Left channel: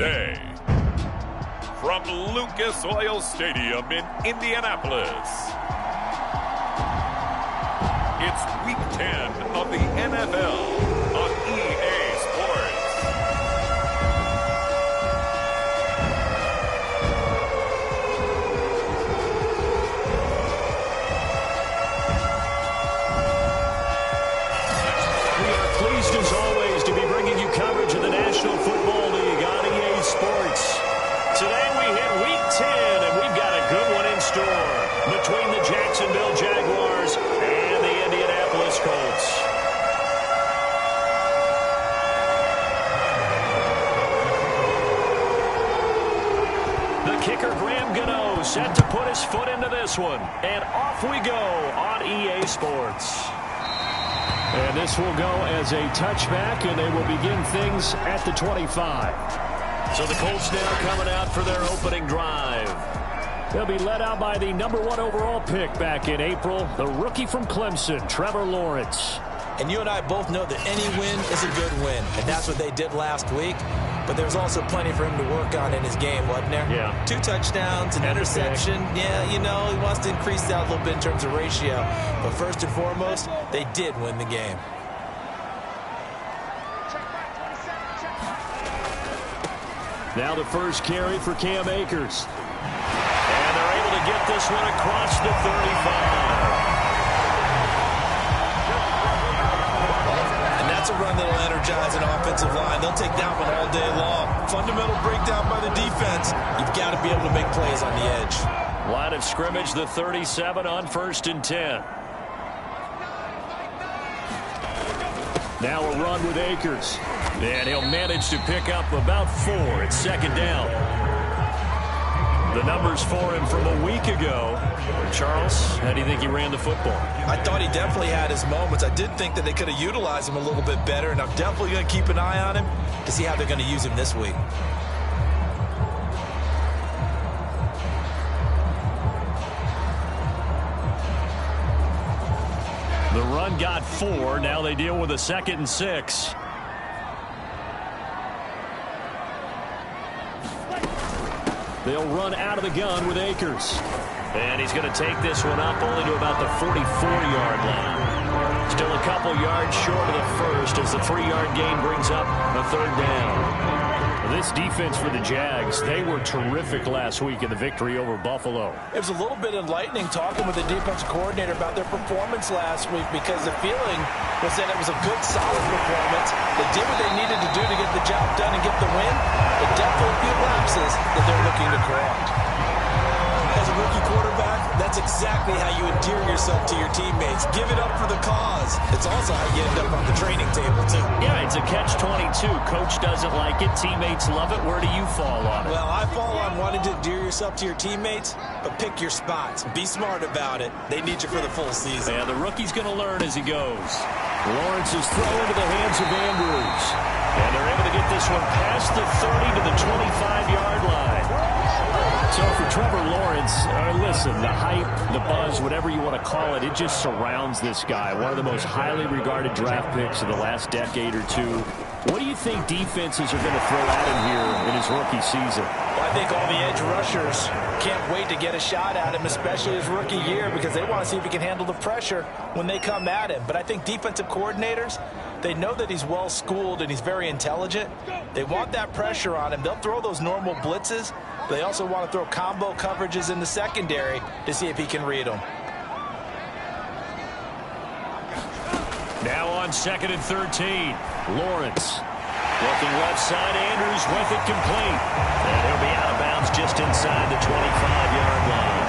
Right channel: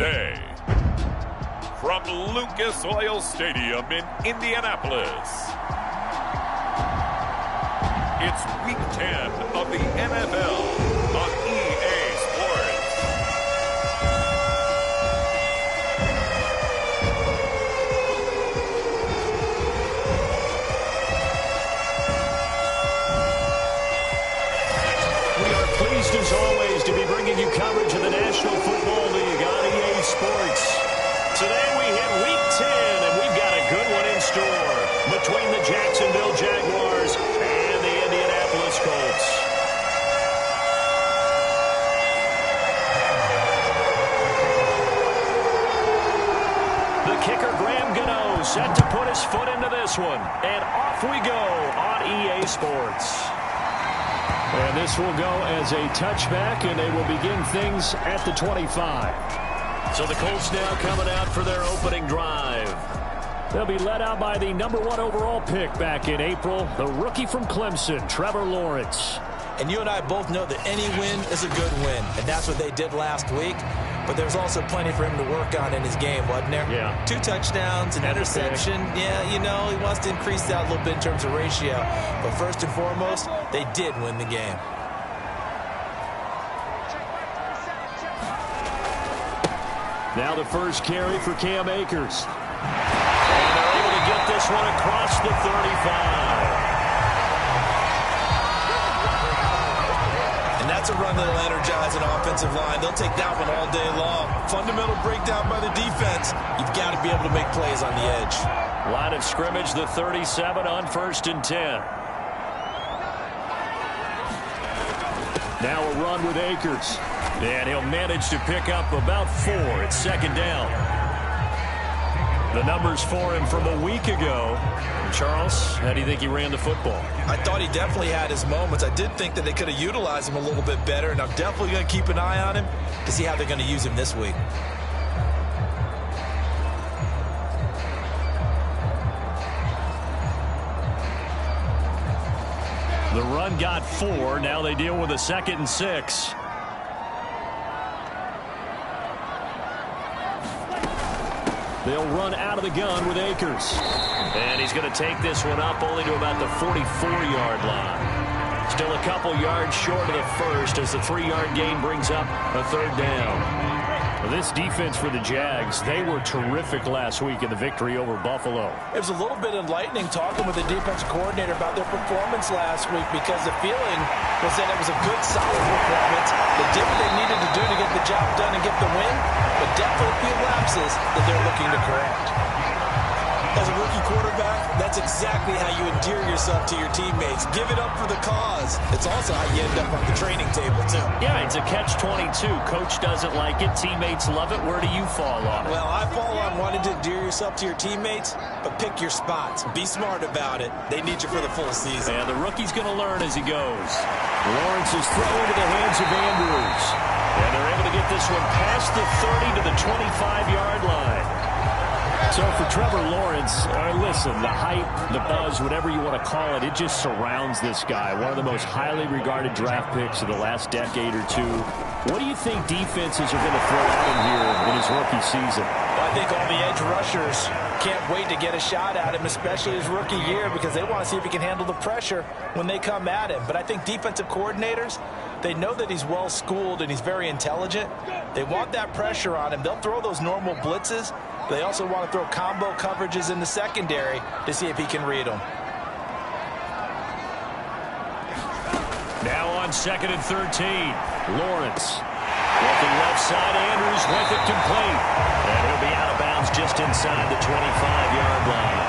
today. From Lucas Oil Stadium in Indianapolis, it's Week 10 of the NFL on EA Sports. We are pleased as always to be bringing you coverage of the National Football League on EA Sports. Today we hit Week 10, and we've got a good one in store between the Jacksonville Jaguars and the Indianapolis Colts. The kicker, Graham Gano, set to put his foot into this one. And off we go on EA Sports. And this will go as a touchback, and they will begin things at the 25. So the Colts now coming out for their opening drive. They'll be led out by the #1 overall pick back in April, the rookie from Clemson, Trevor Lawrence. And you and I both know that any win is a good win, and that's what they did last week. But there's also plenty for him to work on in his game, wasn't there? Yeah. 2 touchdowns, an interception. Yeah, you know, he wants to increase that a little bit in terms of ratio. But first and foremost, they did win the game. Now the first carry for Cam Akers. And they're able to get this one across the 35. And that's a run that'll energize an offensive line. They'll take that one all day long. Fundamental breakdown by the defense. You've got to be able to make plays on the edge. Line of scrimmage, the 37 on 1st and 10. Now a run with Akers. And he'll manage to pick up about 4 at 2nd down. The numbers for him from a week ago. Charles, how do you think he ran the football? I thought he definitely had his moments. I did think that they could have utilized him a little bit better, and I'm definitely going to keep an eye on him to see how they're going to use him this week. The run got 4. Now they deal with a 2nd and 6. They'll run out of the gun with Akers. And he's going to take this one up only to about the 44-yard line. Still a couple yards short of the first as the 3-yard gain brings up a 3rd down. This defense for the Jags, they were terrific last week in the victory over Buffalo. It was a little bit enlightening talking with the defensive coordinator about their performance last week, because the feeling was that it was a good, solid performance. They did what they needed to do to get the job done and get the win, but definitely a few lapses that they're looking to correct. As a rookie quarterback, that's exactly how you endear yourself to your teammates. Give it up for the cause. It's also how you end up on the training table, too. Yeah, it's a catch-22. Coach doesn't like it. Teammates love it. Where do you fall on it? Well, I fall on wanting to endear yourself to your teammates, but pick your spots. Be smart about it. They need you for the full season. Yeah, the rookie's going to learn as he goes. Lawrence's throw into the hands of Andrews. And they're able to get this one past the 30 to the 25-yard line. So for Trevor Lawrence, listen, the hype, the buzz, whatever you want to call it, it just surrounds this guy. One of the most highly regarded draft picks of the last decade or two. What do you think defenses are going to throw at him here in his rookie season? Well, I think all the edge rushers can't wait to get a shot at him, especially his rookie year, because they want to see if he can handle the pressure when they come at him. But I think defensive coordinators, they know that he's well-schooled and he's very intelligent. They want that pressure on him. They'll throw those normal blitzes. They also want to throw combo coverages in the secondary to see if he can read them. Now on 2nd and 13, Lawrence. Looking left side, Andrews with it complete. And he'll be out of bounds just inside the 25-yard line.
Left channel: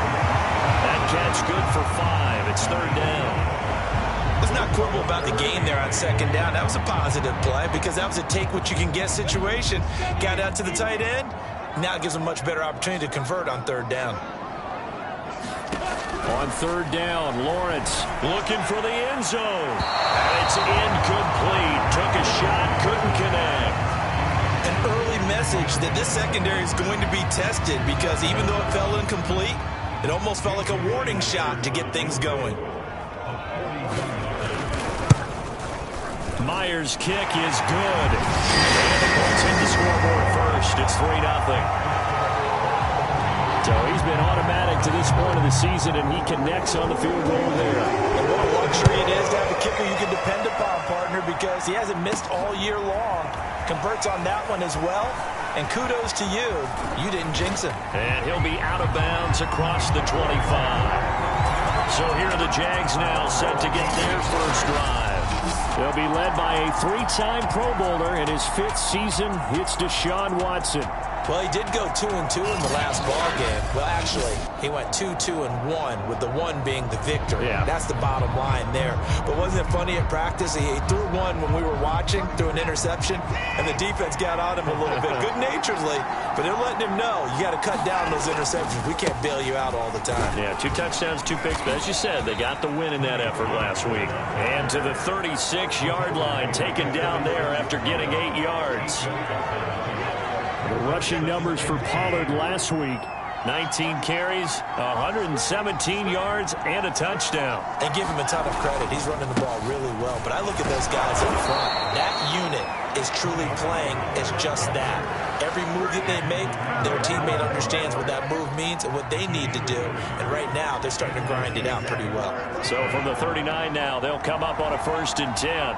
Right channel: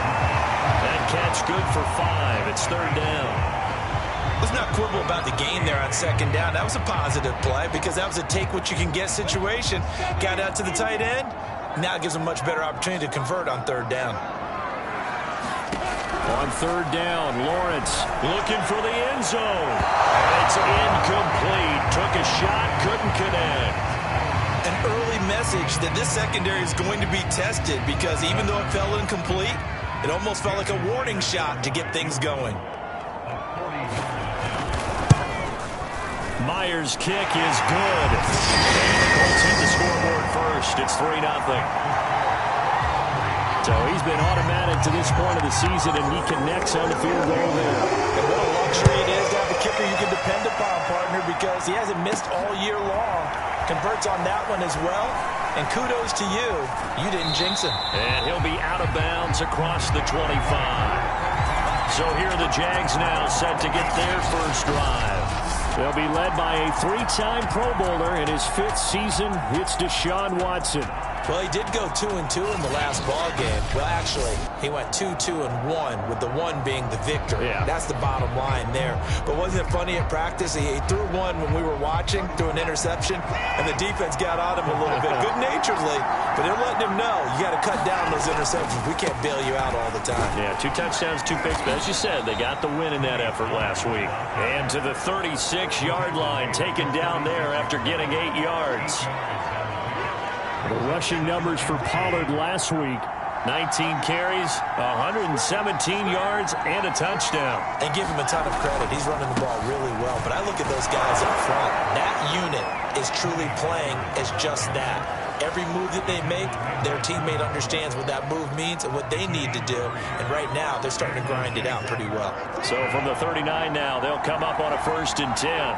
That catch good for 5. It's 3rd down. Let's not quibble about the gain there on 2nd down. That was a positive play because that was a take-what-you-can-get situation. Got out to the tight end. Now it gives them a much better opportunity to convert on 3rd down. On 3rd down, Lawrence looking for the end zone. And it's incomplete. Took a shot, couldn't connect. An early message that this secondary is going to be tested, because even though it fell incomplete, it almost felt like a warning shot to get things going. Myers' kick is good. And the Colts hit the scoreboard first. It's 3-0. So he's been automatic to this point of the season, and he connects on the field goal there. And what a luxury it is to have a kicker you can depend upon, partner, because he hasn't missed all year long. Converts on that one as well. And kudos to you. You didn't jinx him. And he'll be out of bounds across the 25. So here are the Jags now set to get their first drive. They'll be led by a 3-time Pro Bowler in his 5th season. It's Deshaun Watson. Well, he did go 2-2 in the last ball game. Well, actually, he went 2-2-1, with the 1 being the victory. Yeah. That's the bottom line there. But wasn't it funny at practice? He threw one when we were watching, threw an interception, and the defense got on him a little bit, good-naturedly. But they're letting him know, you got to cut down those interceptions. We can't bail you out all the time. Yeah, 2 touchdowns, 2 picks. But as you said, they got the win in that effort last week. And to the 36-yard line, taken down there after getting 8 yards. The rushing numbers for Pollard last week. 19 carries, 117 yards, and a touchdown. And give him a ton of credit. He's running the ball really well. But I look at those guys up front. That unit is truly playing as just that. Every move that they make, their teammate understands what that move means and what they need to do. And right now, they're starting to grind it out pretty well. So from the 39 now, they'll come up on a 1st and 10.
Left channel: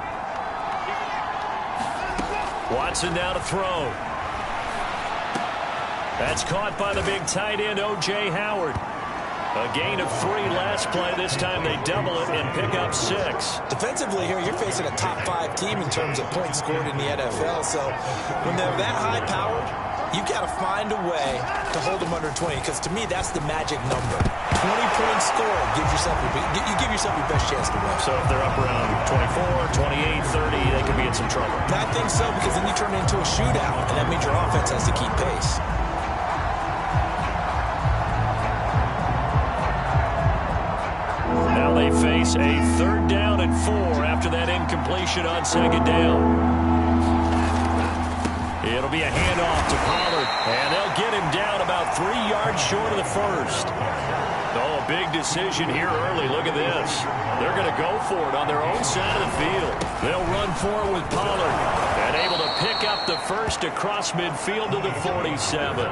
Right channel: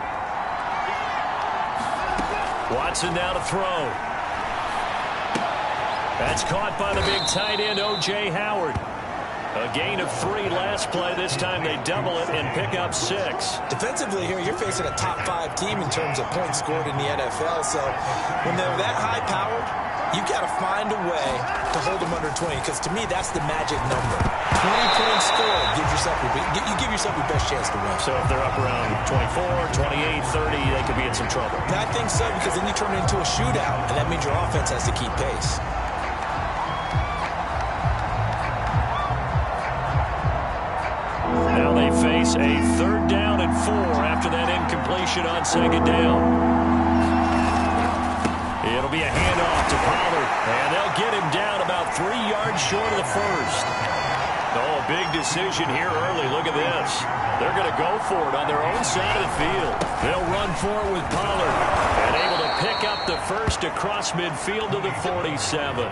Watson now to throw. That's caught by the big tight end, O.J. Howard. A gain of 3 last play. This time they double it and pick up 6. Defensively here, you're facing a top 5 team in terms of points scored in the NFL. So when they're that high-powered, you've got to find a way to hold them under 20. Because to me, that's the magic number. 20 points scored. You give yourself your best chance to win. So if they're up around 24, 28, 30, they could be in some trouble. I think so, because then you turn it into a shootout, and that means your offense has to keep pace. Now they face a 3rd down and 4 after that incompletion on 2nd down. It'll be a handoff to Pollard, and they'll get him down about 3 yards short of the 1st. Oh, a big decision here early. Look at this. They're going to go for it on their own side of the field. They'll run for it with Pollard, and able to pick up the 1st across midfield to the 47.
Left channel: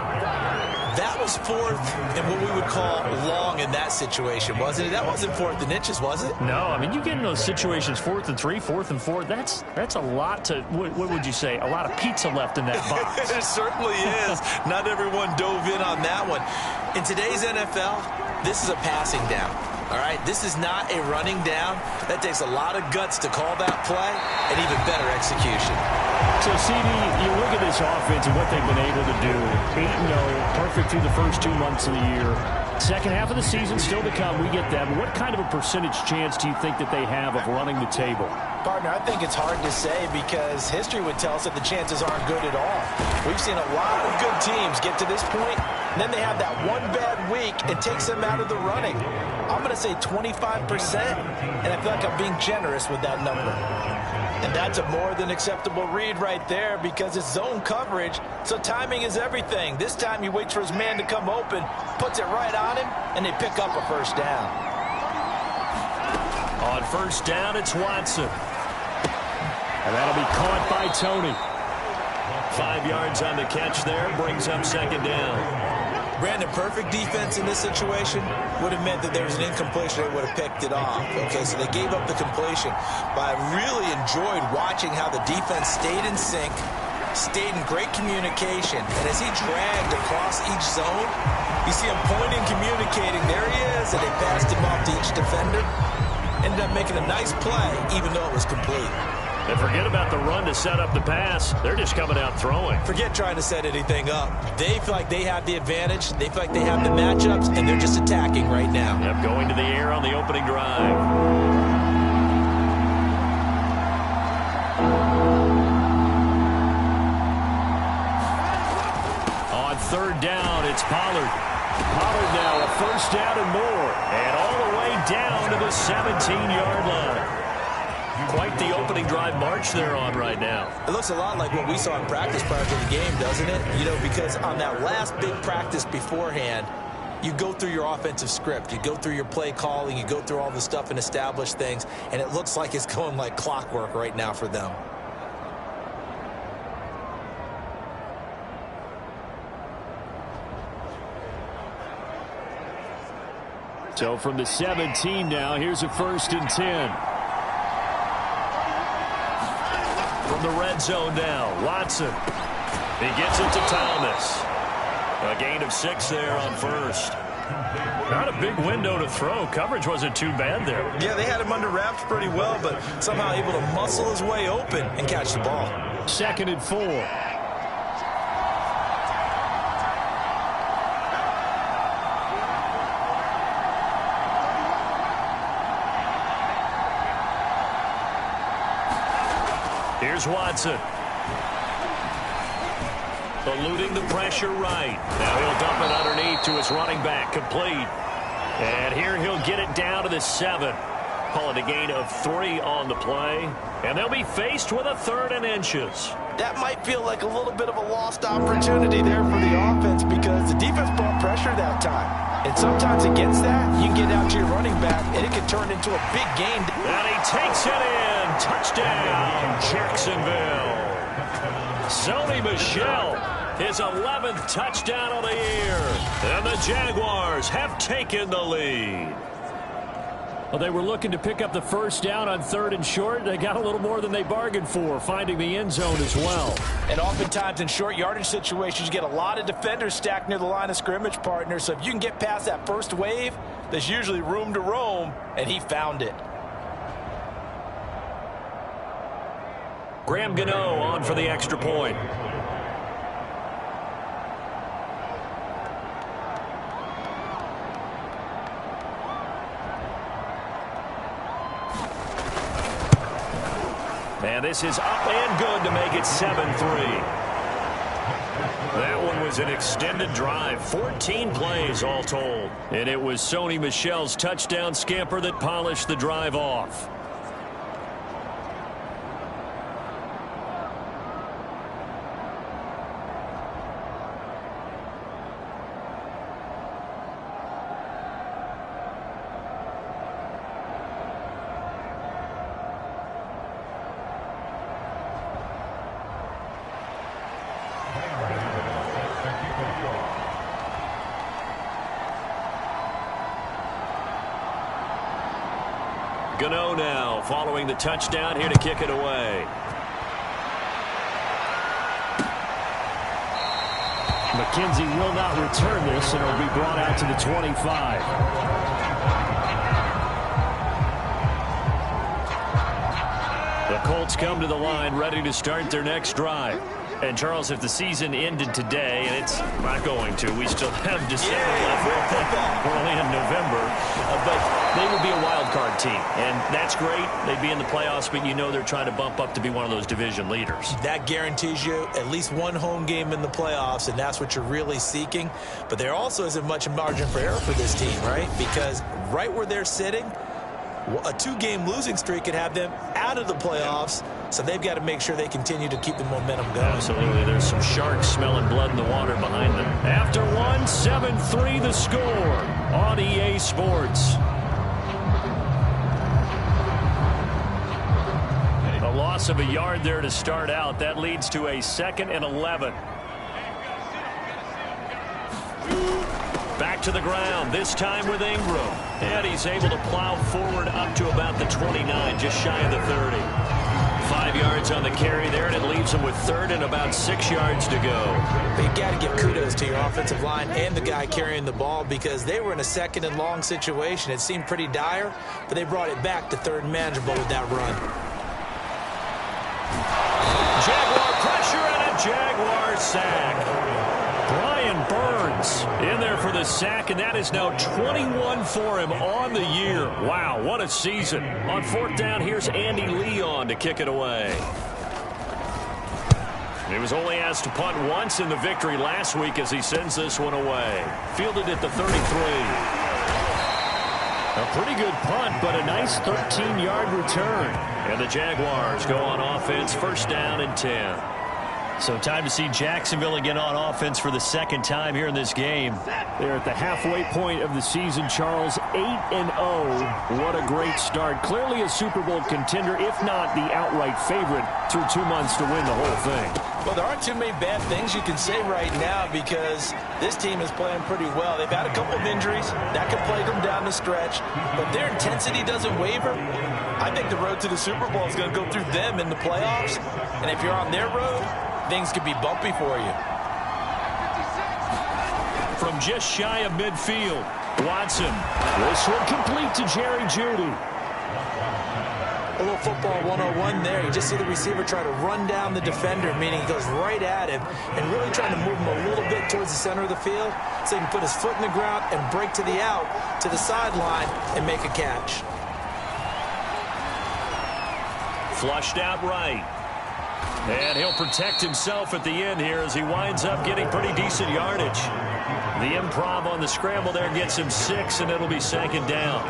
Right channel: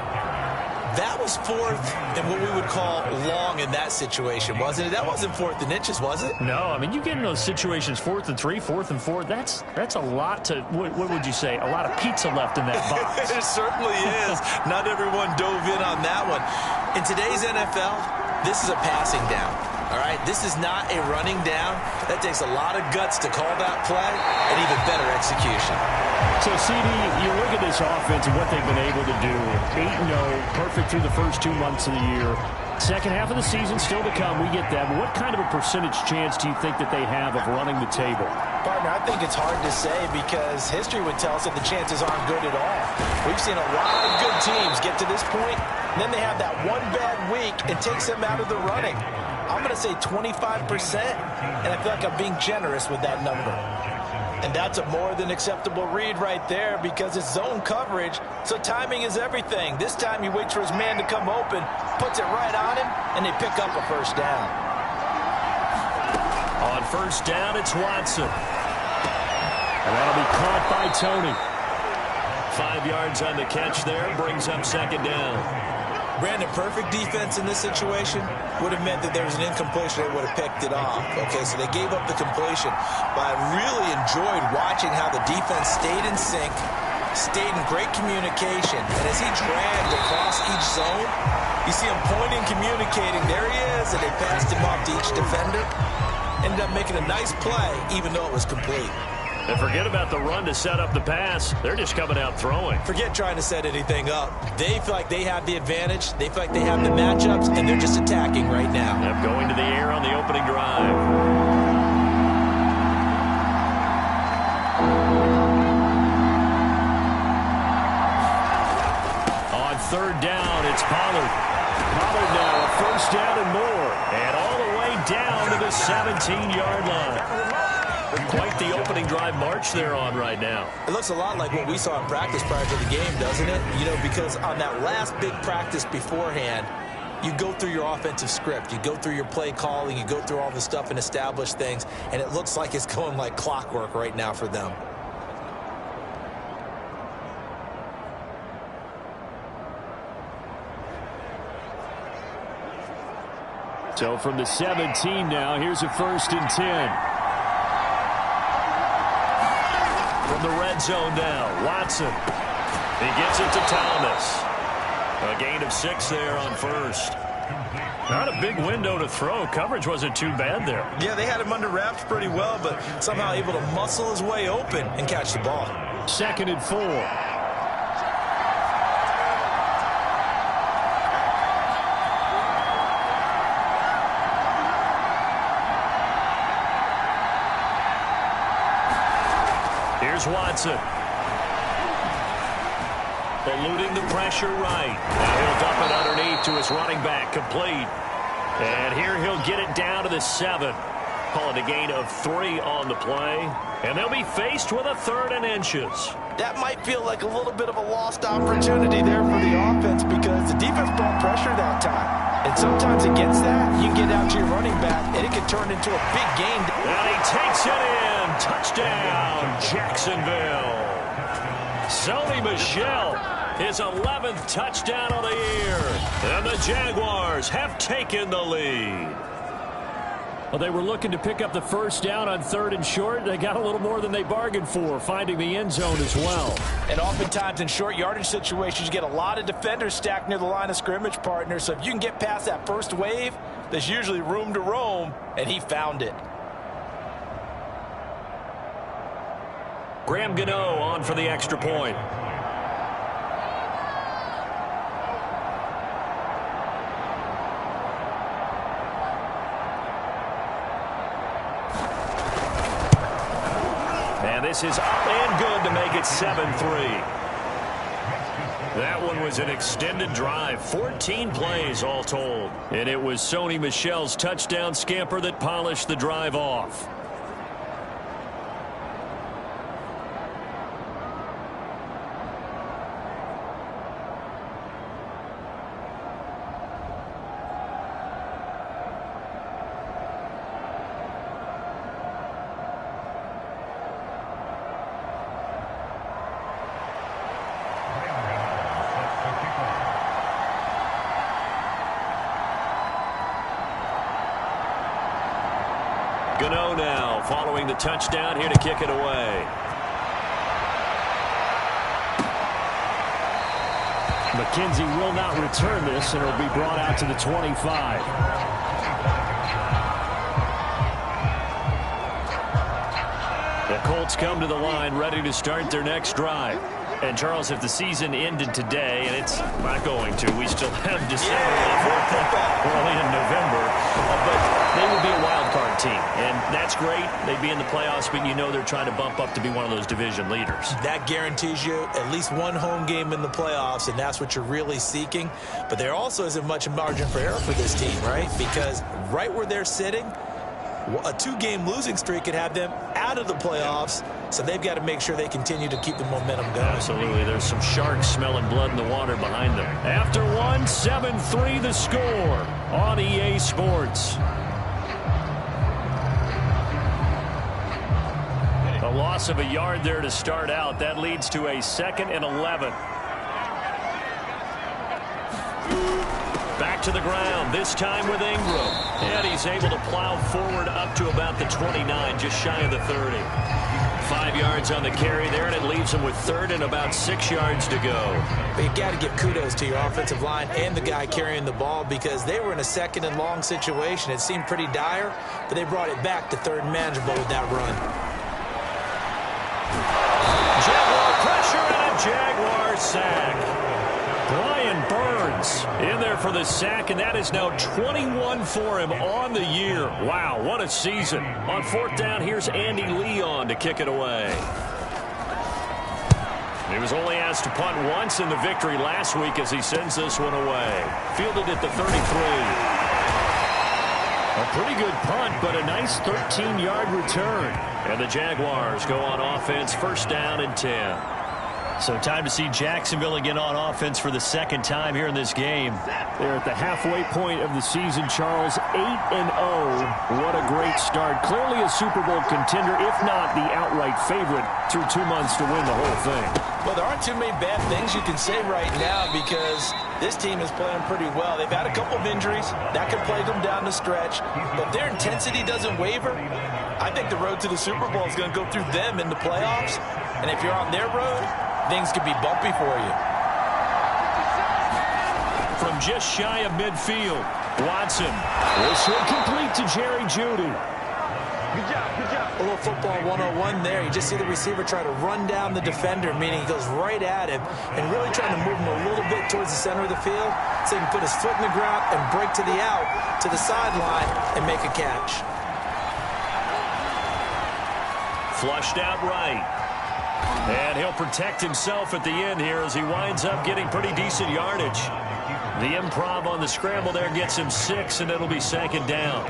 That was 4th and what we would call long in that situation, wasn't it? That wasn't 4th and inches, was it? No, I mean, you get in those situations 4th and 3, 4th and 4. That's a lot to, what would you say, a lot of pizza left in that box. It certainly is. Not everyone dove in on that one. In today's NFL, this is a passing down. All right, this is not a running down. That takes a lot of guts to call that play and even better execution. So, CD, you look at this offense and what they've been able to do. 8-0, perfect through the first 2 months of the year. Second half of the season still to come. We get that. But what kind of a percentage chance do you think that they have of running the table? Partner, I think it's hard to say because history would tell us that the chances aren't good at all. We've seen a lot of good teams get to this point, and then they have that one bad week and takes them out of the running. I'm going to say 25%, and I feel like I'm being generous with that number. And that's a more than acceptable read right there because it's zone coverage, so timing is everything. This time he waits for his man to come open, puts it right on him, and they pick up a 1st down. On 1st down, it's Watson. And that'll be caught by Tony. 5 yards on the catch there, brings up 2nd down. Brandon, perfect defense in this situation would have meant that there was an incompletion. They would have picked it off. Okay, so they gave up the completion. But I really enjoyed watching how the defense stayed in sync, stayed in great communication. And as he dragged across each zone, you see him pointing, communicating. There he is, and they passed him off to each defender. Ended up making a nice play, even though it was complete. And forget about the run to set up the pass. They're just coming out throwing. Forget trying to set anything up. They feel like they have the advantage. They feel like they have the matchups, and they're just attacking right now. Yep, going to the air on the opening drive. On 3rd down, it's Pollard. Pollard now a 1st down and more. And all the way down to the 17-yard line. Quite the opening drive march they're on right now. It looks a lot like what we saw in practice prior to the game, doesn't it? You know, because on that last big practice beforehand, you go through your offensive script. You go through your play calling. You go through all the stuff and establish things. And it looks like it's going like clockwork right now for them. So from the 17 now, here's a 1st and 10. From the red zone now, Watson. He gets it to Thomas. A gain of 6 there on 1st. Not a big window to throw. Coverage wasn't too bad there. Yeah, they had him under wraps pretty well, but somehow able to muscle his way open and catch the ball. 2nd and 4. Here's Watson. Eluding the pressure right. Now he'll dump it underneath to his running back. Complete. And here he'll get it down to the 7. Call it a gain of 3 on the play. And they'll be faced with a 3rd and inches. That might feel like a little bit of a lost opportunity there for the offense because the defense brought pressure that time. And sometimes against that, you can get out to your running back, and it can turn into a big gain. And he takes it in. Touchdown, Jacksonville. Sony Michel, his 11th touchdown of the year. And the Jaguars have taken the lead. Well, they were looking to pick up the 1st down on 3rd and short. They got a little more than they bargained for, finding the end zone as well. And oftentimes in short yardage situations, you get a lot of defenders stacked near the line of scrimmage, partner. So if you can get past that first wave, there's usually room to roam, and he found it. Graham Gano on for the extra point. And this is up and good to make it 7-3. That one was an extended drive, 14 plays all told. And it was Sony Michel's touchdown scamper that polished the drive off. Gano now following the touchdown here to kick it away. McKenzie will not return this, and it'll be brought out to the 25. The Colts come to the line ready to start their next drive. And, Charles, if the season ended today, and it's not going to, we still have December left. We're only in November. But they would be a wild card team, and that's great. They'd be in the playoffs, but you know they're trying to bump up to be one of those division leaders. That guarantees you at least one home game in the playoffs, and that's what you're really seeking. But there also isn't much margin for error for this team, right? Because right where they're sitting, a 2-game losing streak could have them out of the playoffs, so they've got to make sure they continue to keep the momentum going. Absolutely. There's some sharks smelling blood in the water behind them. After one, 7-3 the score on EA Sports. A loss of a yard there to start out. That leads to a 2nd and 11. Back to the ground, this time with Ingram. And he's able to plow forward up to about the 29, just shy of the 30. 5 yards on the carry there, and it leaves him with 3rd and about 6 yards to go. But you got to give kudos to your offensive line and the guy carrying the ball because they were in a 2nd and long situation. It seemed pretty dire, but they brought it back to 3rd and manageable with that run. Jaguar pressure and a Jaguar sack. Brian Burns in there for the sack, and that is now 21 for him on the year. Wow, what a season. On 4th down, here's Andy Leon to kick it away. He was only asked to punt once in the victory last week as he sends this one away. Fielded at the 33. A pretty good punt, but a nice 13-yard return. And the Jaguars go on offense, 1st down and 10. So time to see Jacksonville again on offense for the second time here in this game. They're at the halfway point of the season, Charles, 8-0. What a great start. Clearly a Super Bowl contender, if not the outright favorite, through 2 months to win the whole thing. Well, there aren't too many bad things you can say right now because this team is playing pretty well. They've had a couple of injuries. That could plague them down the stretch. But if their intensity doesn't waver, I think the road to the Super Bowl is going to go through them in the playoffs. And if you're on their road, things could be bumpy for you. From just shy of midfield, Watson. This one complete to Jerry Jeudy. A little football 101 there. You just see the receiver try to run down the defender, meaning he goes right at him and really trying to move him a little bit towards the center of the field so he can put his foot in the ground and break to the out, to the sideline, and make a catch. Flushed out right. And he'll protect himself at the end here as he winds up getting pretty decent yardage. The improv on the scramble there gets him 6, and it'll be second down.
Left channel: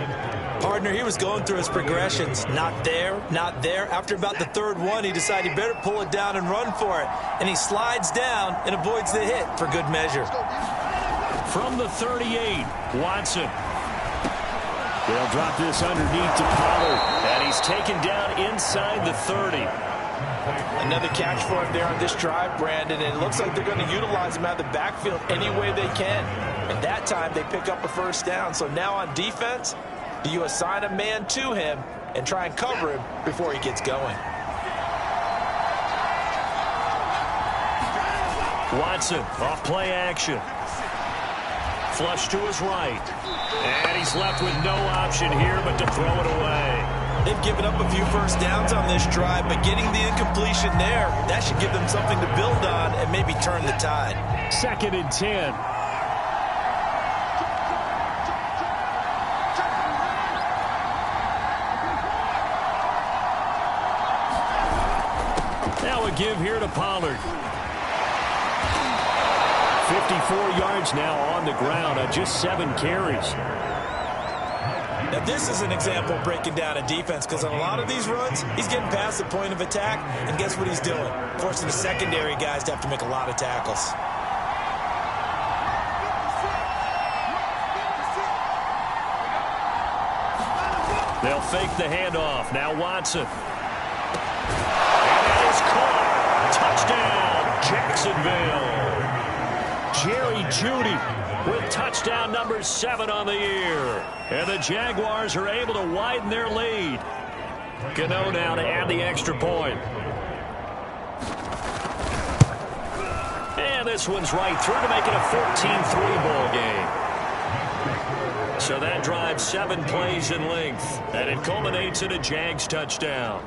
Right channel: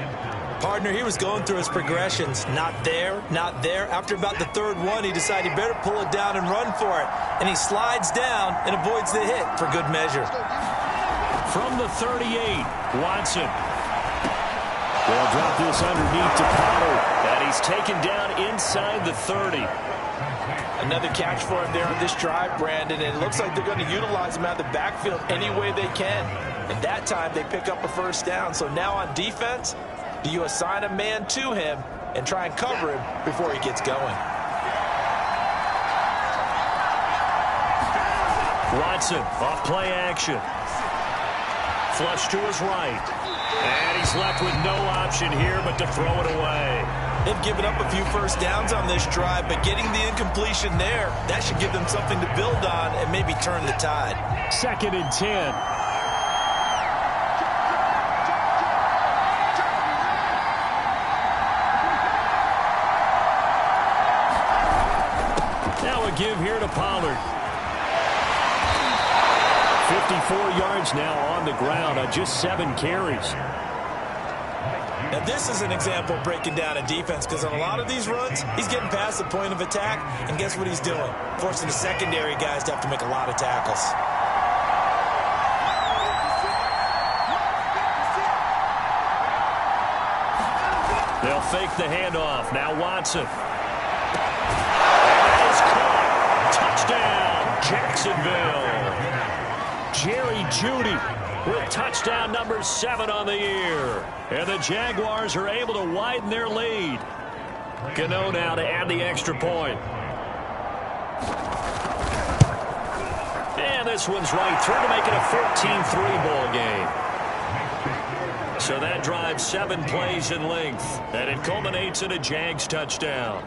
Partner, he was going through his progressions. Not there, not there. After about the third one, he decided he better pull it down and run for it. And he slides down and avoids the hit for good measure. From the 38, Watson. They'll drop this underneath to Pollard. And he's taken down inside the 30. Another catch for him there on this drive, Brandon. And it looks like they're going to utilize him out of the backfield any way they can. And that time they pick up a first down. So now on defense, do you assign a man to him and try and cover him before he gets going? Watson off play action. Flush to his right. And he's left with no option here but to throw it away. They've given up a few first downs on this drive, but getting the incompletion there, that should give them something to build on and maybe turn the tide. 2nd and 10. Now a give here to Pollard. 54 yards now on the ground on just 7 carries. Now, this is an example of breaking down a defense because on a lot of these runs, he's getting past the point of attack, and guess what he's doing? Forcing the secondary guys to have to make a lot of tackles. They'll fake the handoff. Now Watson. And that is caught. Touchdown, Jacksonville. Jerry Jeudy with touchdown number 7 on the year. And the Jaguars are able to widen their lead. Gano now to add the extra point. And this one's right through to make it a 14-3 ball game. So that drives 7 plays in length. And it culminates in a Jags touchdown.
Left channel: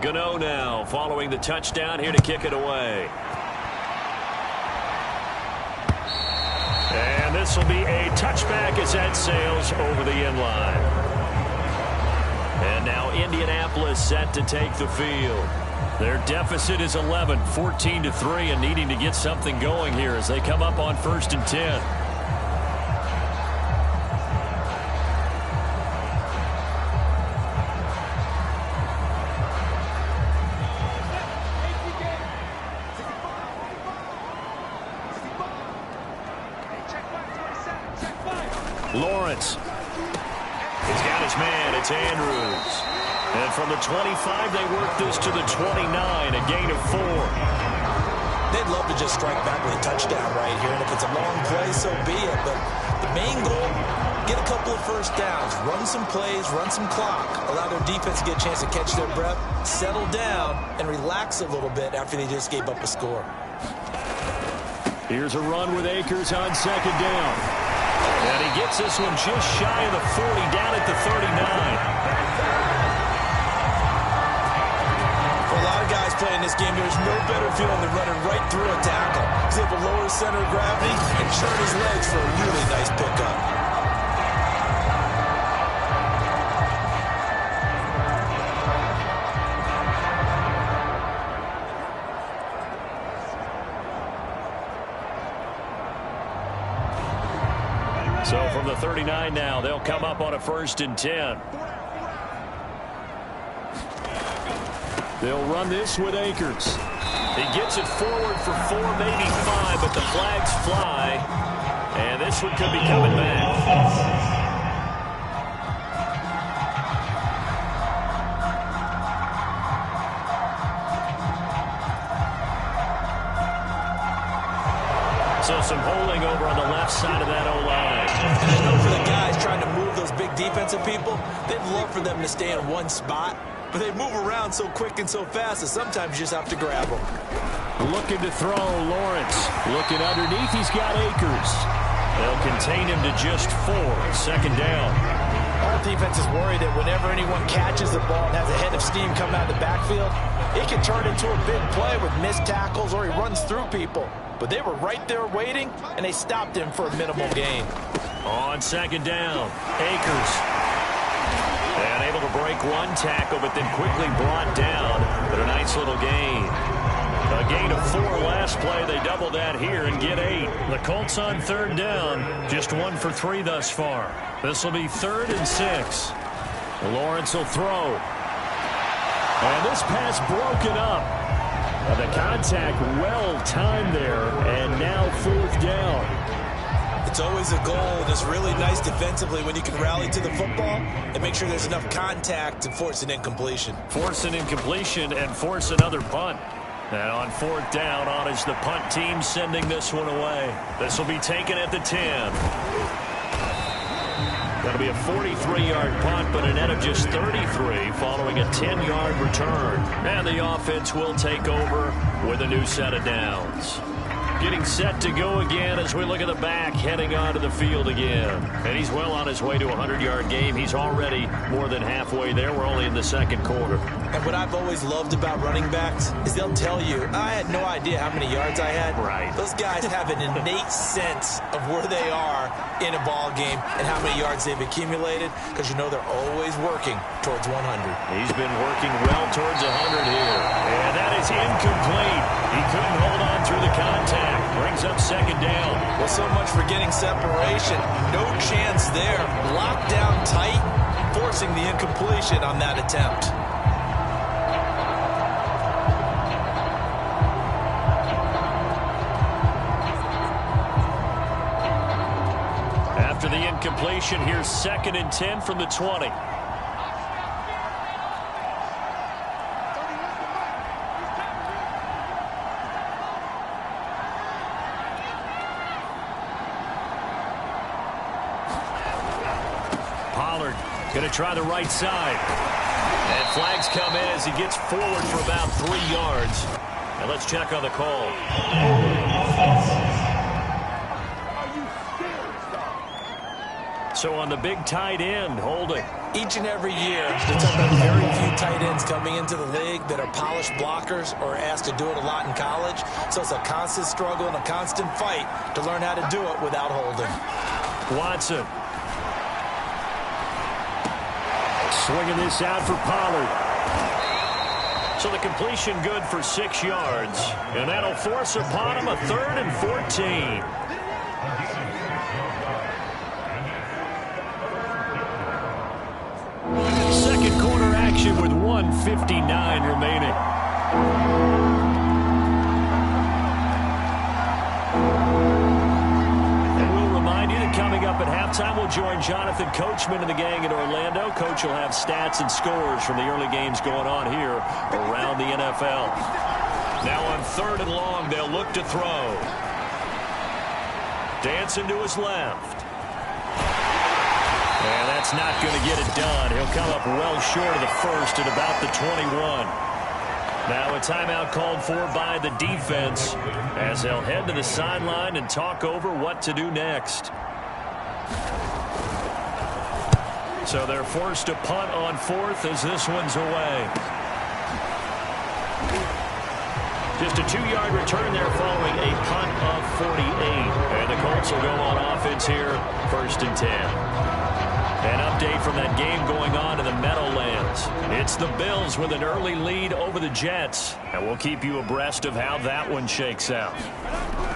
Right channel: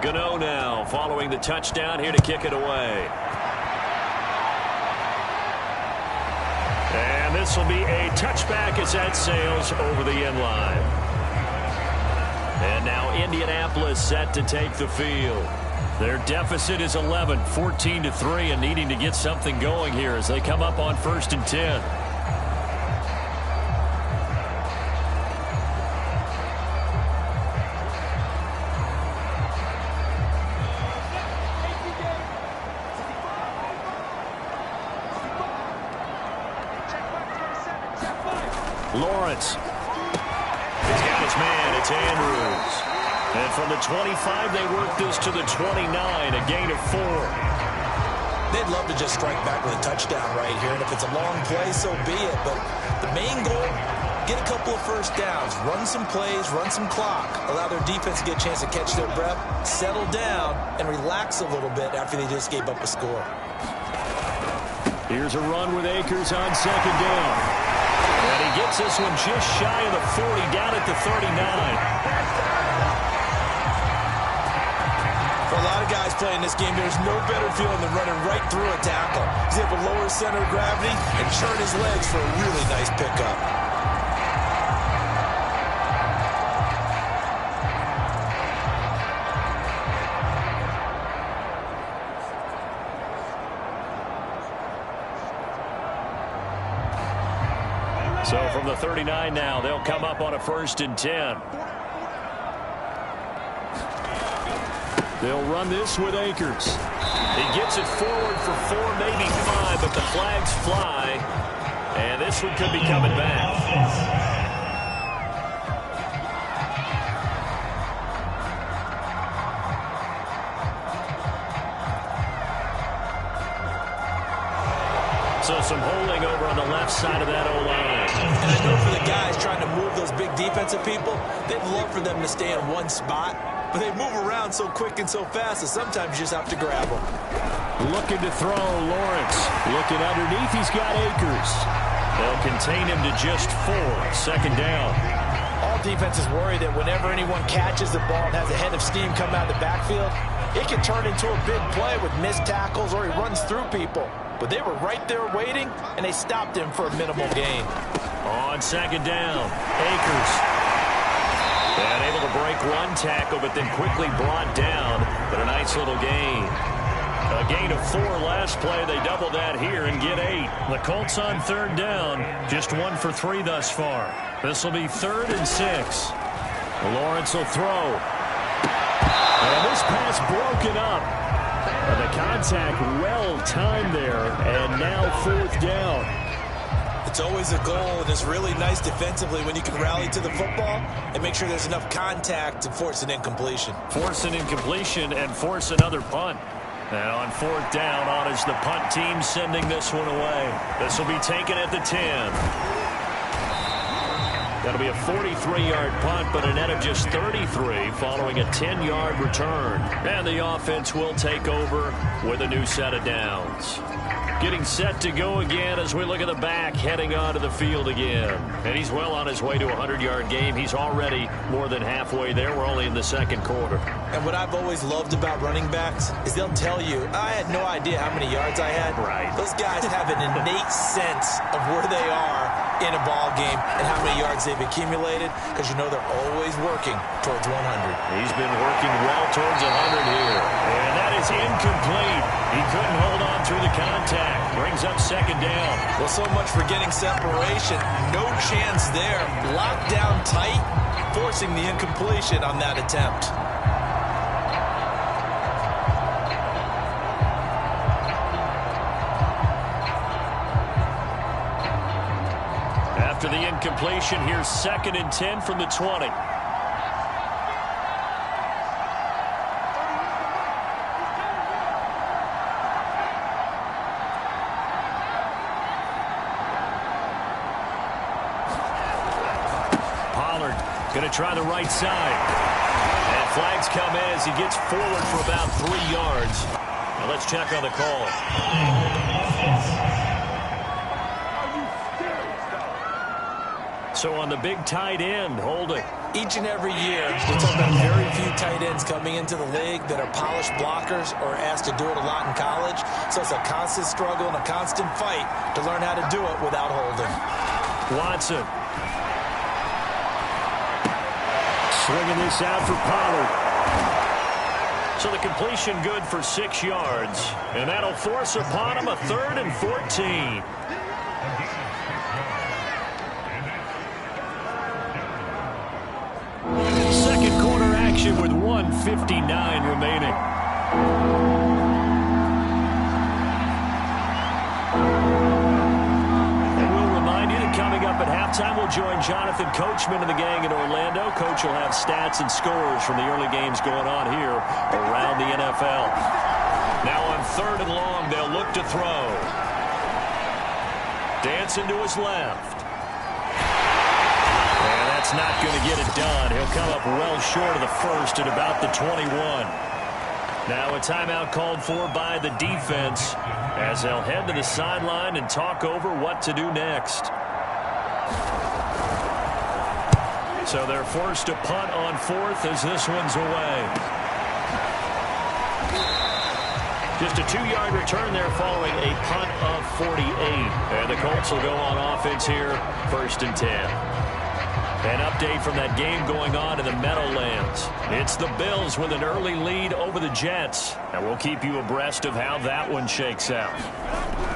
Gano now following the touchdown here to kick it away. And this will be a touchback as that sails over the end line. And now Indianapolis set to take the field. Their deficit is 11, 14-3, and needing to get something going here as they come up on 1st and 10. Lawrence. He's got his man. It's Andrews. And from the 25, they work this to the 29, a gain of 4. They'd love to just strike back with a touchdown right here, and if it's a long play, so be it. But the main goal, get a couple of first downs, run some plays, run some clock, allow their defense to get a chance to catch their breath, settle down, and relax a little bit after they just gave up a score. Here's a run with Akers on 2nd down. And he gets this one just shy of the 40, down at the 39. lot of guys playing this game. There's no better feeling than running right through a tackle. He's able to lower his center of gravity and churn his legs for a really nice pickup. So from the 39 now, they'll come up on a 1st and 10. They'll run this with Akers. He gets it forward for 4, maybe 5, but the flags fly. And this one could be coming back. So some holding over on the left side of that O-line. And I know for the guys trying to move those big defensive people, they'd love for them to stay in one spot. But they move around so quick and so fast that sometimes you just have to grab them. Looking to throw, Lawrence. Looking underneath, he's got Akers. They'll contain him to just 4. 2nd down. All defenses worry that whenever anyone catches the ball and has a head of steam coming out of the backfield, it can turn into a big play with missed tackles or he runs through people. But they were right there waiting, and they stopped him for a minimal gain. On 2nd down, Akers. And able to break one tackle, but then quickly brought down. But a nice little gain. A gain of 4 last play. They double that here and get 8. The Colts on 3rd down. Just 1 for 3 thus far. This will be 3rd and 6. Lawrence will throw. And this pass broken up. The contact well timed there, and now 4th down. It's always a goal, and it's really nice defensively when you can rally to the football and make sure there's enough contact to force an incompletion. Force an incompletion and force another punt. And on 4th down, on is the punt team sending this one away. This will be taken at the 10. That'll be a 43-yard punt, but a net of just 33 following a 10-yard return. And the offense will take over with a new set of downs. Getting set to go again as we look at the back heading onto the field again. And he's well on his way to a 100-yard game. He's already more than halfway there. We're only in the 2nd quarter. And what I've always loved about running backs is they'll tell you, I had no idea how many yards I had. Right. Those guys have an innate sense of where they are in a ball game and how many yards they've accumulated because you know they're always working towards 100. He's been working well towards 100 here. And that is incomplete. He couldn't hold on through the contact. Brings up 2nd down. Well, so much for getting separation. No chance there. Locked down tight, forcing the incompletion on that attempt. After the incompletion, here's 2nd and 10 from the 20. Pollard going to try the right side. And flags come in as he gets forward for about 3 yards. Now let's check on the call. So on the big tight end, holding. Each and every year, we're talking about very few tight ends coming into the league that are polished blockers or asked to do it a lot in college. So it's a constant struggle and a constant fight to learn how to do it without holding. Watson. Swinging this out for Pollard. So the completion good for 6 yards. And that'll force upon him a 3rd and 14. Second quarter action with 1:59 remaining. And we'll remind you that coming up at halftime, we'll join Jonathan Coachman and the gang in Orlando. Coach will have stats and scores from the early games going on here around the NFL. Now on 3rd and long, they'll look to throw. Dancing to his left. And that's not going to get it done. He'll come up well short of the first at about the 21. Now a timeout called for by the defense as they'll head to the sideline and talk over what to do next. So they're forced to punt on 4th as this one's away. Just a 2-yard return there following a punt of 48. And the Colts will go on offense here, 1st and 10. An update from that game going on in the Meadowlands. It's the Bills with an early lead over the Jets. And we'll keep you abreast of how that one shakes out.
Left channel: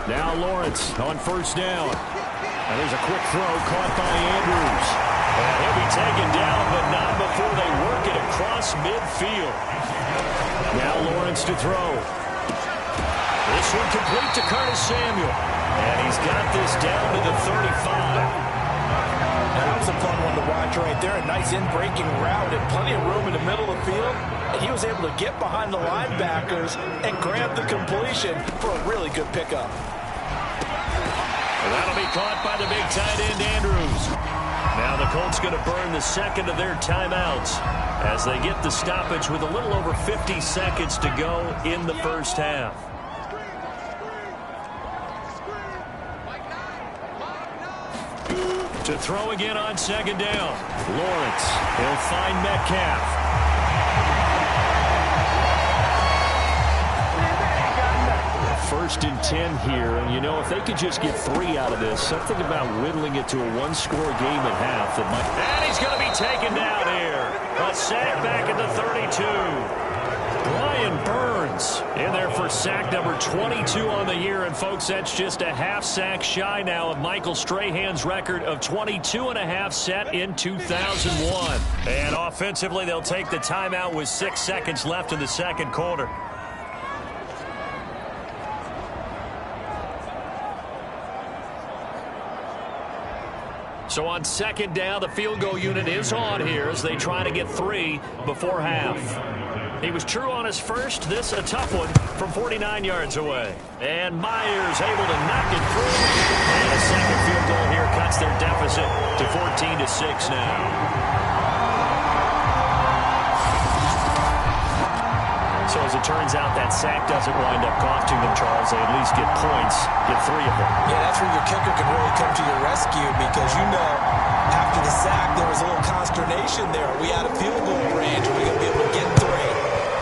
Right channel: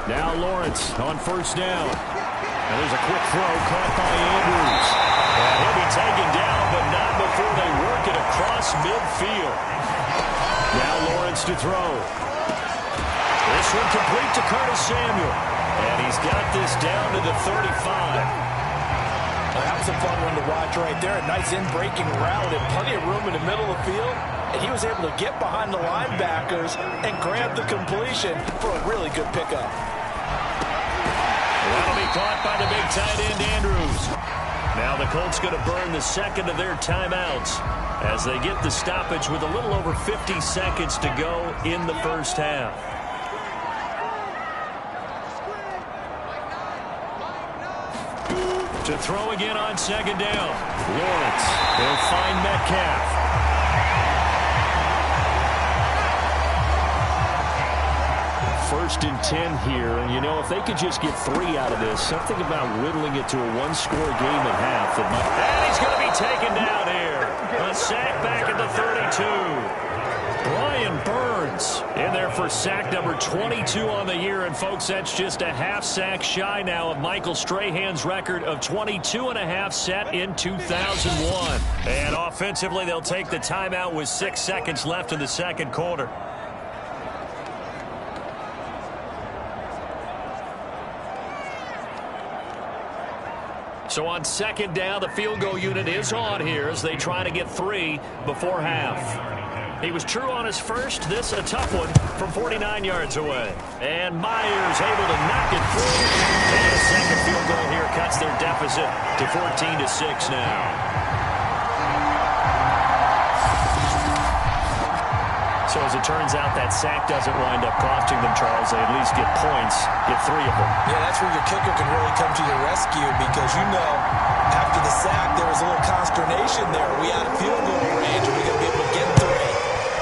Now Lawrence on 1st down. Now there's a quick throw caught by Andrews. And he'll be taken down, but not before they work it across midfield. Now Lawrence to throw. This one complete to Curtis Samuel. And he's got this down to the 35. That was a fun one to watch right there. A nice in-breaking route and plenty of room in the middle of the field. And he was able to get behind the linebackers and grab the completion for a really good pickup. Well, that'll be caught by the big tight end, Andrews. Now the Colts going to burn the second of their timeouts as they get the stoppage with a little over 50 seconds to go in the first half. To throw again on 2nd down. Lawrence. He'll find Metcalf. 1st and 10 here. And, you know, if they could just get 3 out of this, something about whittling it to a 1-score game at half that might... And he's going to be taken down here. A sack back at the 32. Brian Burns in there for sack number 22 on the year. And, folks, that's just a half sack shy now of Michael Strahan's record of 22.5 set in 2001. And offensively, they'll take the timeout with 6 seconds left in the second quarter. So on 2nd down, the field goal unit is on here as they try to get 3 before half. He was true on his first. This a tough one from 49 yards away. And Myers able to knock it through. And a second field goal here cuts their deficit to 14-6 now. So as it turns out, that sack doesn't wind up costing them, Charles. They at least get points, get 3 of them. Yeah, that's where your kicker can really come to your rescue because, you know, after the sack, there was a little consternation there. Are we out of field goal range? Are we going to be able to get 3?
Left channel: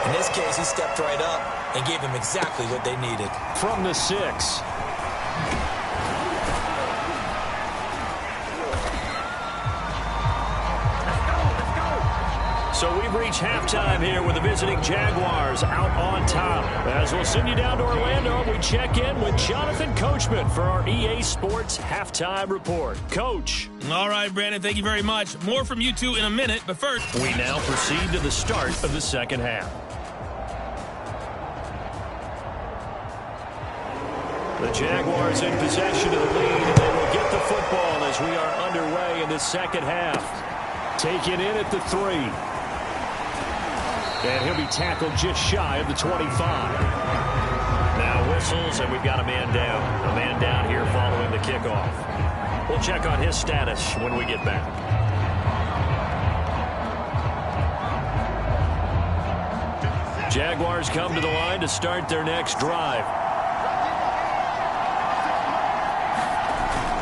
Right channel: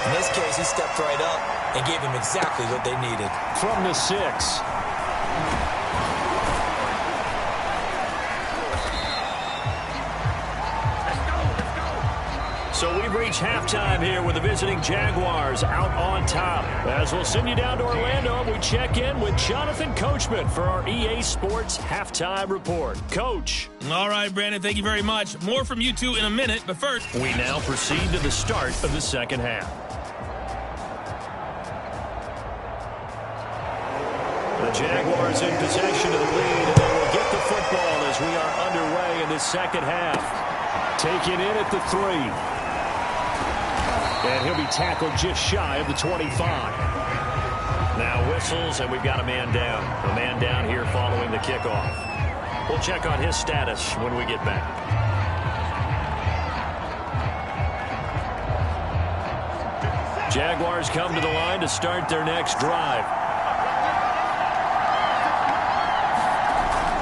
In this case, he stepped right up and gave them exactly what they needed. From the 6. So we've reached halftime here with the visiting Jaguars out on top. As we'll send you down to Orlando, we check in with Jonathan Coachman for our EA Sports Halftime Report. Coach. All right, Brandon, thank you very much. More from you two in a minute, but first, we now proceed to the start of the second half. The Jaguars in possession of the lead, and they will get the football as we are underway in the second half. Taken in at the 3. And he'll be tackled just shy of the 25. Now whistles, and we've got a man down. A man down here following the kickoff. We'll check on his status when we get back. Jaguars come to the line to start their next drive.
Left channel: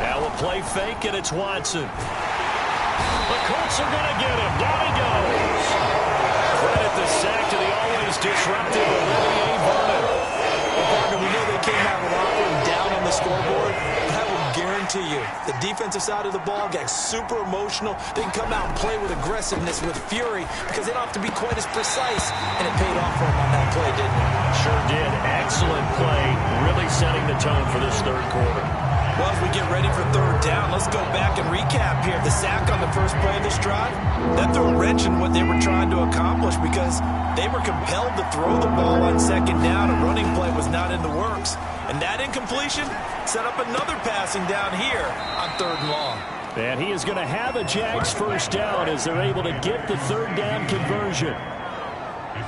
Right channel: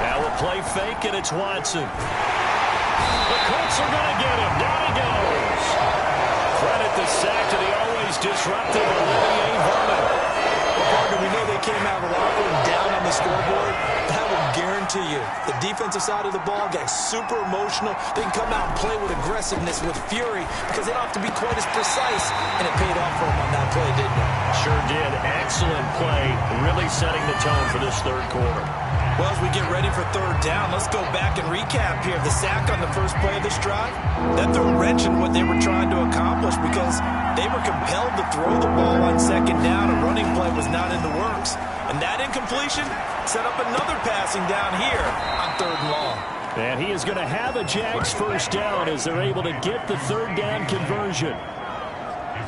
Now a play fake, and it's Watson. The Colts are going to get him. Down he goes. Credit the sack to the always disruptive Olivier Vernon. Well, partner, we know they came out of the locker room down on the scoreboard, but I will guarantee you the defensive side of the ball got super emotional. They can come out and play with aggressiveness, with fury, because they don't have to be quite as precise, and it paid off for them on that play, didn't it? Sure did. Excellent play, really setting the tone for this third quarter. Well, as we get ready for 3rd down, let's go back and recap here. The sack on the first play of this drive, that threw a wrench in what they were trying to accomplish because they were compelled to throw the ball on 2nd down. A running play was not in the works. And that incompletion set up another passing down here on 3rd and long. And he is going to have a Jags first down as they're able to get the 3rd down conversion.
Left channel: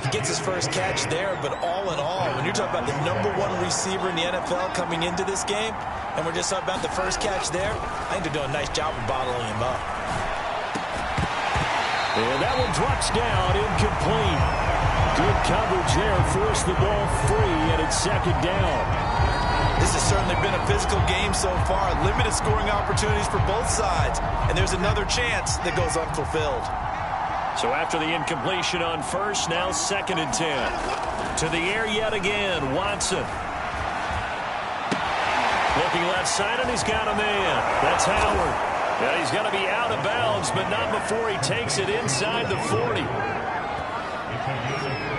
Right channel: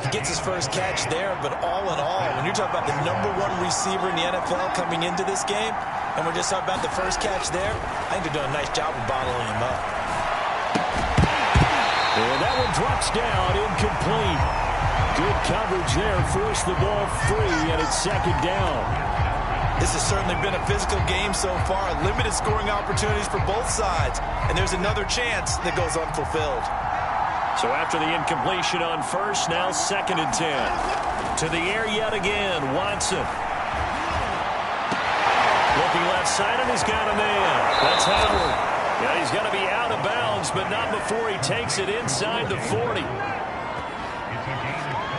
He gets his first catch there, but all in all, when you're talking about the #1 receiver in the NFL coming into this game, and we're just talking about the first catch there, I think they're doing a nice job of bottling him up. And that one drops down, incomplete. Good coverage there, forced the ball free, and it's 2nd down. This has certainly been a physical game so far. Limited scoring opportunities for both sides, and there's another chance that goes unfulfilled. So after the incompletion on first, now 2nd and 10. To the air yet again, Watson. Looking left side, and he's got a man. That's Howard. Yeah, he's going to be out of bounds, but not before he takes it inside the 40.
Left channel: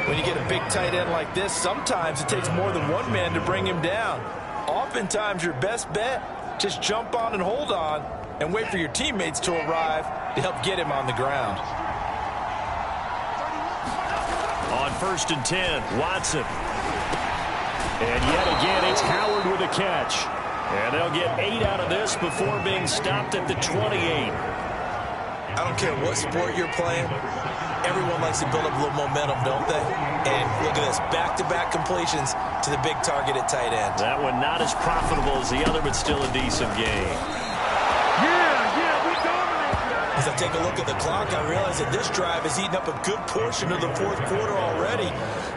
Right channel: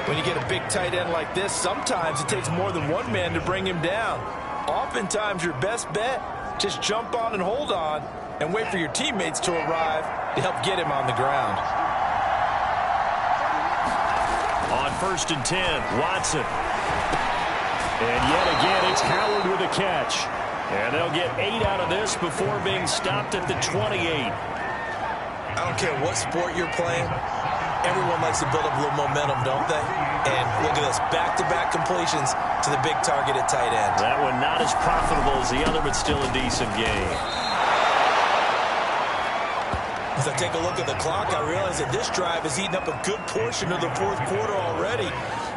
When you get a big tight end like this, sometimes it takes more than one man to bring him down. Oftentimes, your best bet, just jump on and hold on and wait for your teammates to arrive to help get him on the ground. On 1st and 10, Watson. And yet again, it's Howard with a catch. And they'll get 8 out of this before being stopped at the 28. I don't care what sport you're playing. Everyone likes to build up a little momentum, don't they? And look at this, back-to-back completions to the big target at tight end. That one not as profitable as the other, but still a decent game. As I take a look at the clock, I realize that this drive has eaten up a good portion of the 4th quarter already.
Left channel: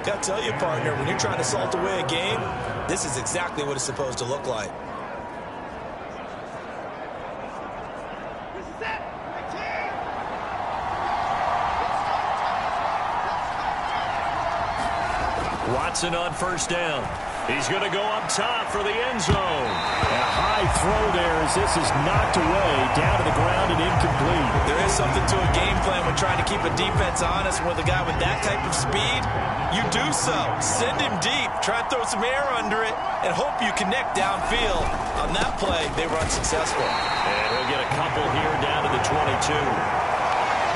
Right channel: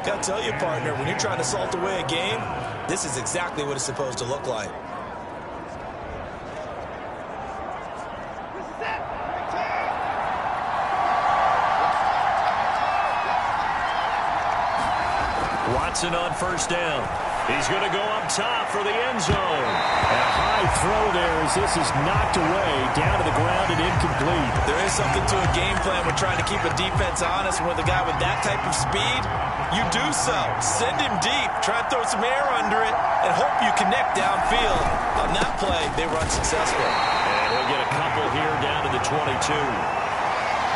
Got to tell you, partner, when you're trying to salt away a game, this is exactly what it's supposed to look like. Watson on 1st down. He's going to go up top for the end zone. And a high throw there as this is knocked away down to the ground and incomplete. There is something to a game plan when trying to keep a defense honest. And with a guy with that type of speed, you do so. Send him deep. Try and throw some air under it and hope you connect downfield. On that play, they run successful. And he'll get a couple here down to the 22.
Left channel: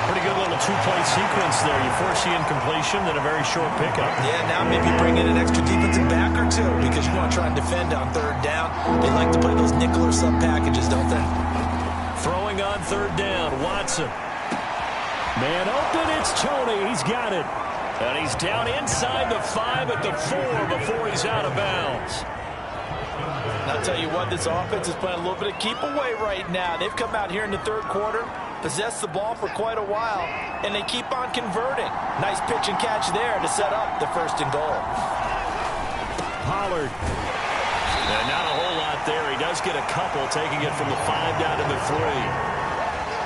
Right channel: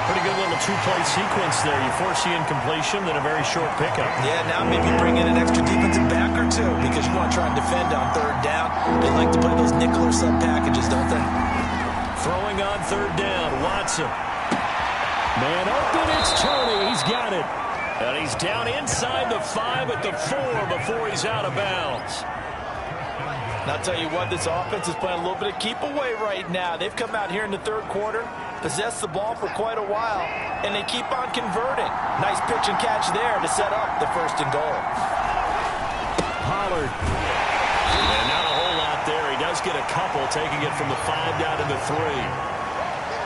Pretty good little 2-play sequence there. You force the incompletion, then a very short pickup. Yeah, now maybe bring in an extra defensive back or two because you want to try and defend on 3rd down. They like to play those nickel or sub packages, don't they? Throwing on 3rd down, Watson. Man open, it's Tony. He's got it. And he's down inside the 5 at the 4 before he's out of bounds. And I'll tell you what, this offense is playing a little bit of keep away right now. They've come out here in the 3rd quarter, possessed the ball for quite a while, and they keep on converting. Nice pitch and catch there to set up the 1st and goal. Pollard. And not a whole lot there. He does get a couple, taking it from the 5 down to the 3.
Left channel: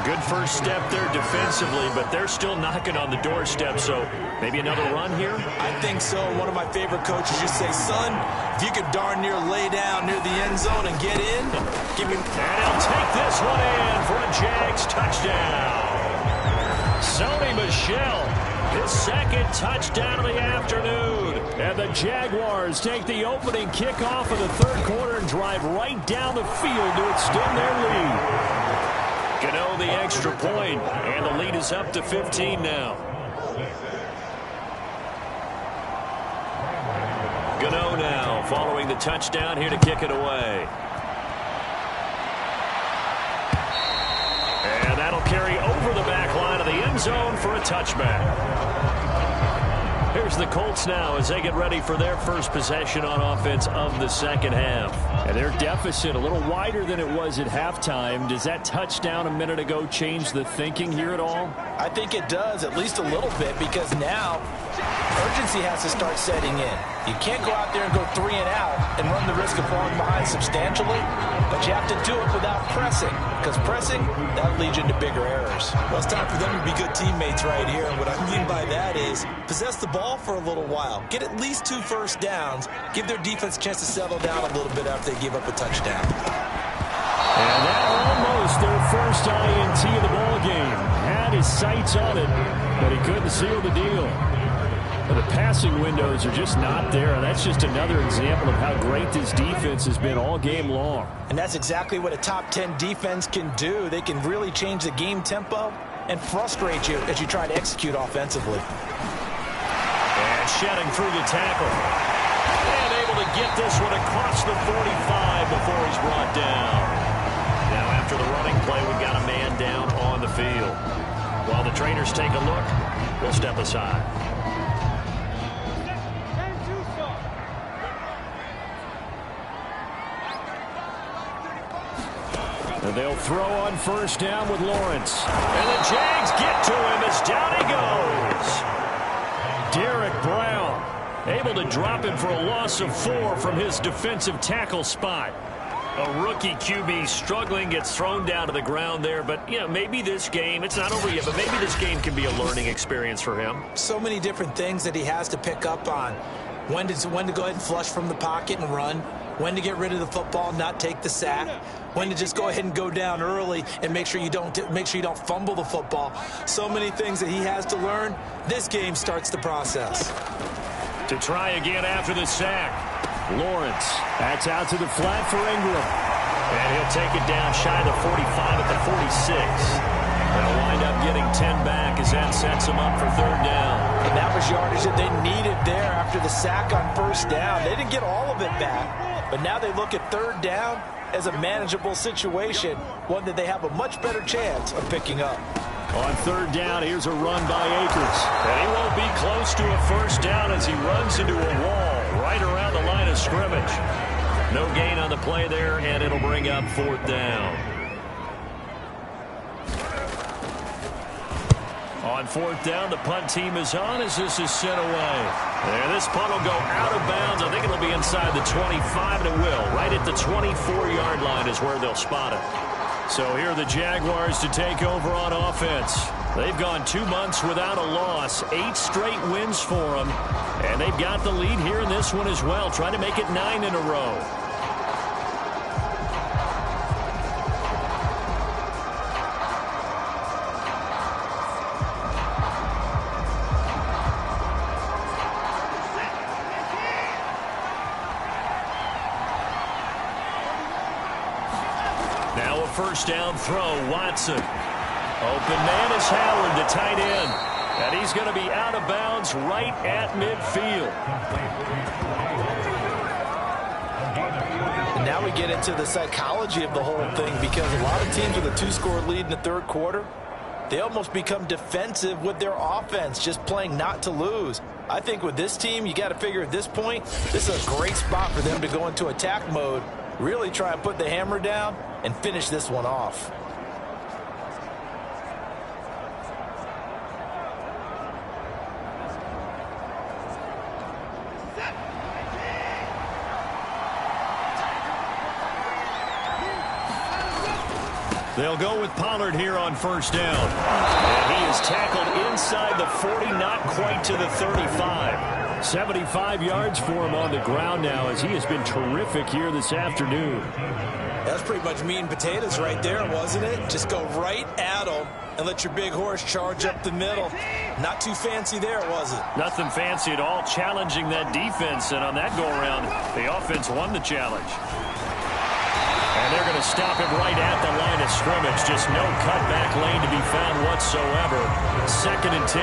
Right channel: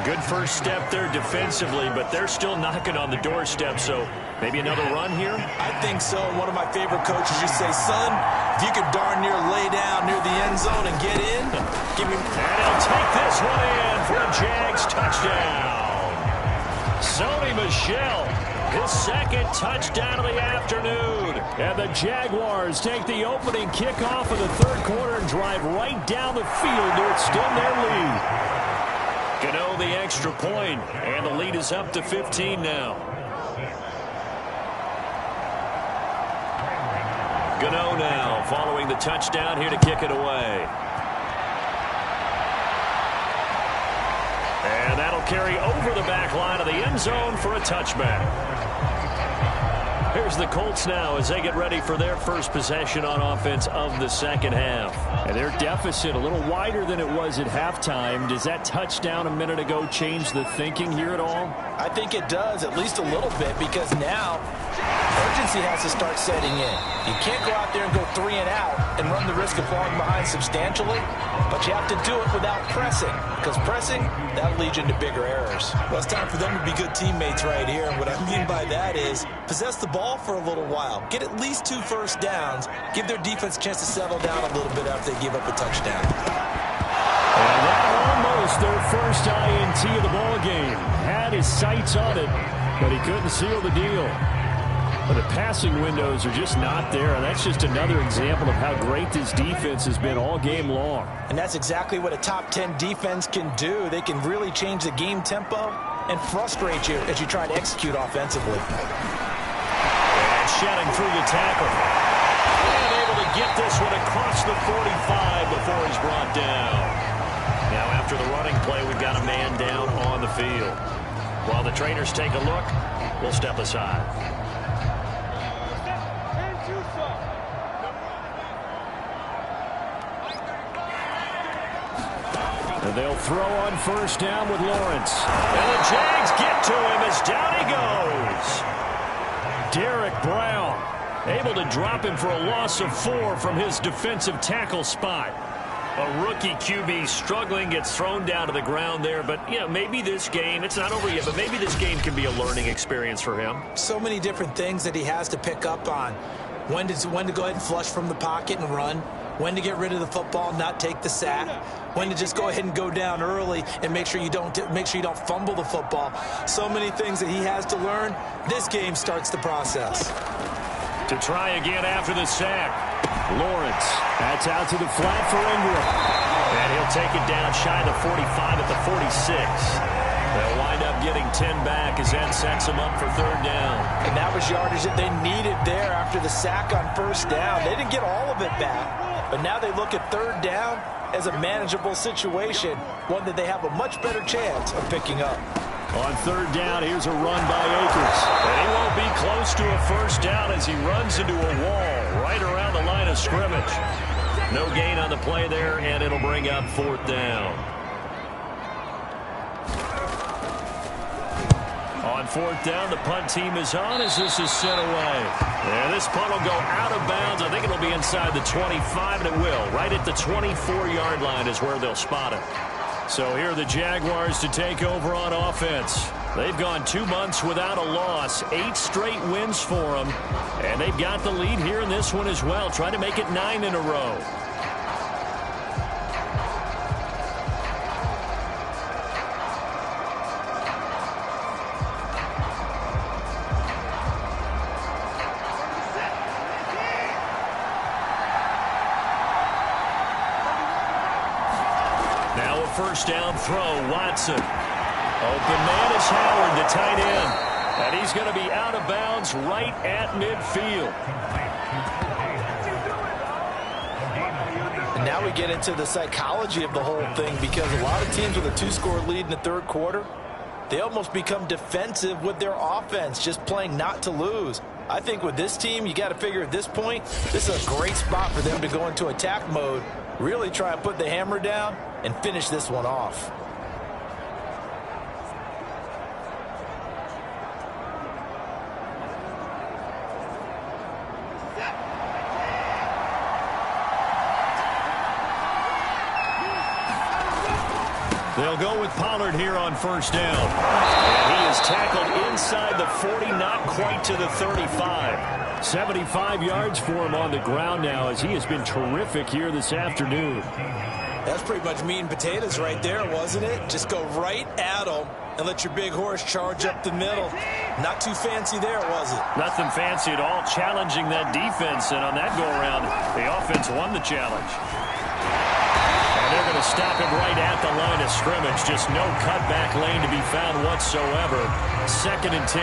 Good first step there defensively, but they're still knocking on the doorstep, so maybe another run here? I think so. One of my favorite coaches used to say, son, if you could darn near lay down near the end zone and get in, give me... And he'll take this one in for a Jags touchdown. Sony Michel, his 2nd touchdown of the afternoon. And the Jaguars take the opening kickoff of the 3rd quarter and drive right down the field to extend their lead. Gano the extra point, and the lead is up to 15 now. Gano now following the touchdown here to kick it away. And that'll carry over the back line of the end zone for a touchback. Here's the Colts now as they get ready for their first possession on offense of the 2nd half. And their deficit a little wider than it was at halftime. Does that touchdown a minute ago change the thinking here at all? I think it does, at least a little bit, because now urgency has to start setting in. You can't go out there and go 3 and out and run the risk of falling behind substantially, but you have to do it without pressing, because pressing, that'll lead you into bigger errors. Well, it's time for them to be good teammates right here, and what I mean by that is possess the ball for a little while, get at least 2 first downs, give their defense a chance to settle down a little bit after they give up a touchdown. And that almost their first INT of the ball game. Had his sights on it, but he couldn't seal the deal. But the passing windows are just not there, and that's just another example of how great this defense has been all game long. And that's exactly what a top 10 defense can do. They can really change the game tempo and frustrate you as you try to execute offensively. And shedding through the tackle. And able to get this one across the 45 before he's brought down. Now after the running play, we've got a man down on the field. While the trainers take a look, we'll step aside. And they'll throw on 1st down with Lawrence. And the Jags get to him as down he goes. Derek Brown able to drop him for a loss of 4 from his defensive tackle spot. A rookie QB struggling, gets thrown down to the ground there. But, you know, maybe this game, it's not over yet, but maybe this game can be a learning experience for him. So many different things that he has to pick up on. When to go ahead and flush from the pocket and run. When to get rid of the football, not take the sack. When to just go ahead and go down early and make sure you don't fumble the football. So many things that he has to learn. This game starts the process. To try again after the sack. Lawrence. That's out to the flat for Ingram. And he'll take it down shy of the 45 at the 46. They'll wind up getting 10 back as that sets them up for third down. And that was yardage that they needed there after the sack on first down. They didn't get all of it back, but now they look at third down as a manageable situation, one that they have a much better chance of picking up. On third down, here's a run by Akers. And he won't be close to a first down as he runs into a wall right around the line of scrimmage. No gain on the play there, and it'll bring up fourth down. On fourth down, the punt team is on as this is sent away. And this punt will go out of bounds. I think it'll be inside the 25, and it will. Right at the 24-yard line is where they'll spot it. So here are the Jaguars to take over on offense. They've gone 2 months without a loss, 8 straight wins for them. And they've got the lead here in this one as well, trying to make it 9 in a row. Now a first down throw, Watson. Open man is Howard, the tight end. And he's going to be out of bounds right at midfield. And now we get into the psychology of the whole thing, because a lot of teams with a 2-score lead in the third quarter, they almost become defensive with their offense, just playing not to lose. I think with this team, you got to figure at this point, this is a great spot for them to go into attack mode, really try and put the hammer down and finish this one off. They'll go with Pollard here on first down. And he is tackled inside the 40, not quite to the 35. 75 yards for him on the ground now, as he has been terrific here this afternoon. That's pretty much meat and potatoes right there, wasn't it? Just go right at them and let your big horse charge up the middle. Not too fancy there, was it? Nothing fancy at all, challenging that defense. And on that go-around, the offense won the challenge. And they're going to stop him right at the line of scrimmage. Just no cutback lane to be found whatsoever. 2nd and 10.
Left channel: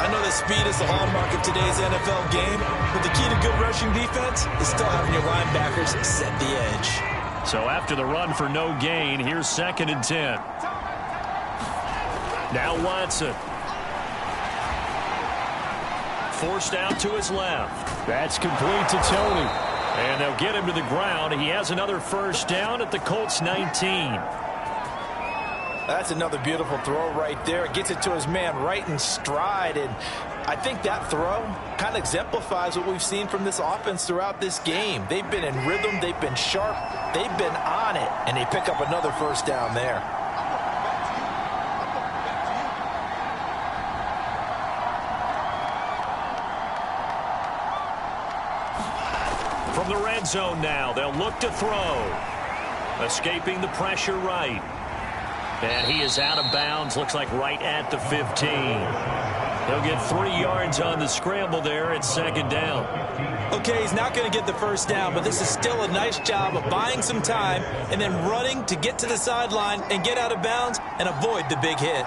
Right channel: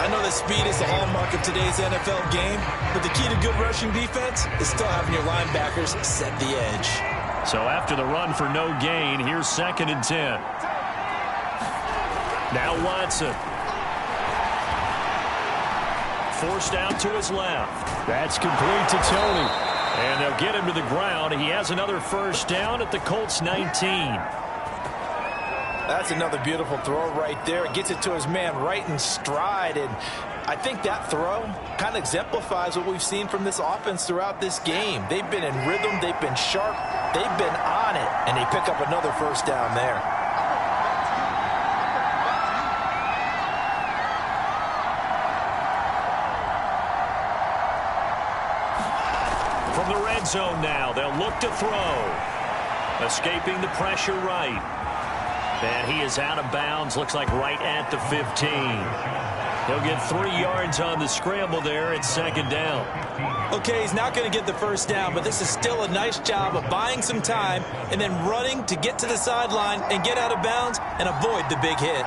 I know that speed is the hallmark of today's NFL game, but the key to good rushing defense is still having your linebackers set the edge. So after the run for no gain, here's 2nd and 10. Now Watson. Forced out to his left. That's complete to Tony. And they'll get him to the ground. He has another first down at the Colts 19. That's another beautiful throw right there. It gets it to his man right in stride. And I think that throw kind of exemplifies what we've seen from this offense throughout this game. They've been in rhythm. They've been sharp. They've been on it. And they pick up another first down there. From the red zone now, they'll look to throw. Escaping the pressure right. And he is out of bounds, looks like right at the 15. He'll get 3 yards on the scramble there at 2nd down. Okay, he's not going to get the first down, but this is still a nice job of buying some time and then running to get to the sideline and get out of bounds and avoid the big hit.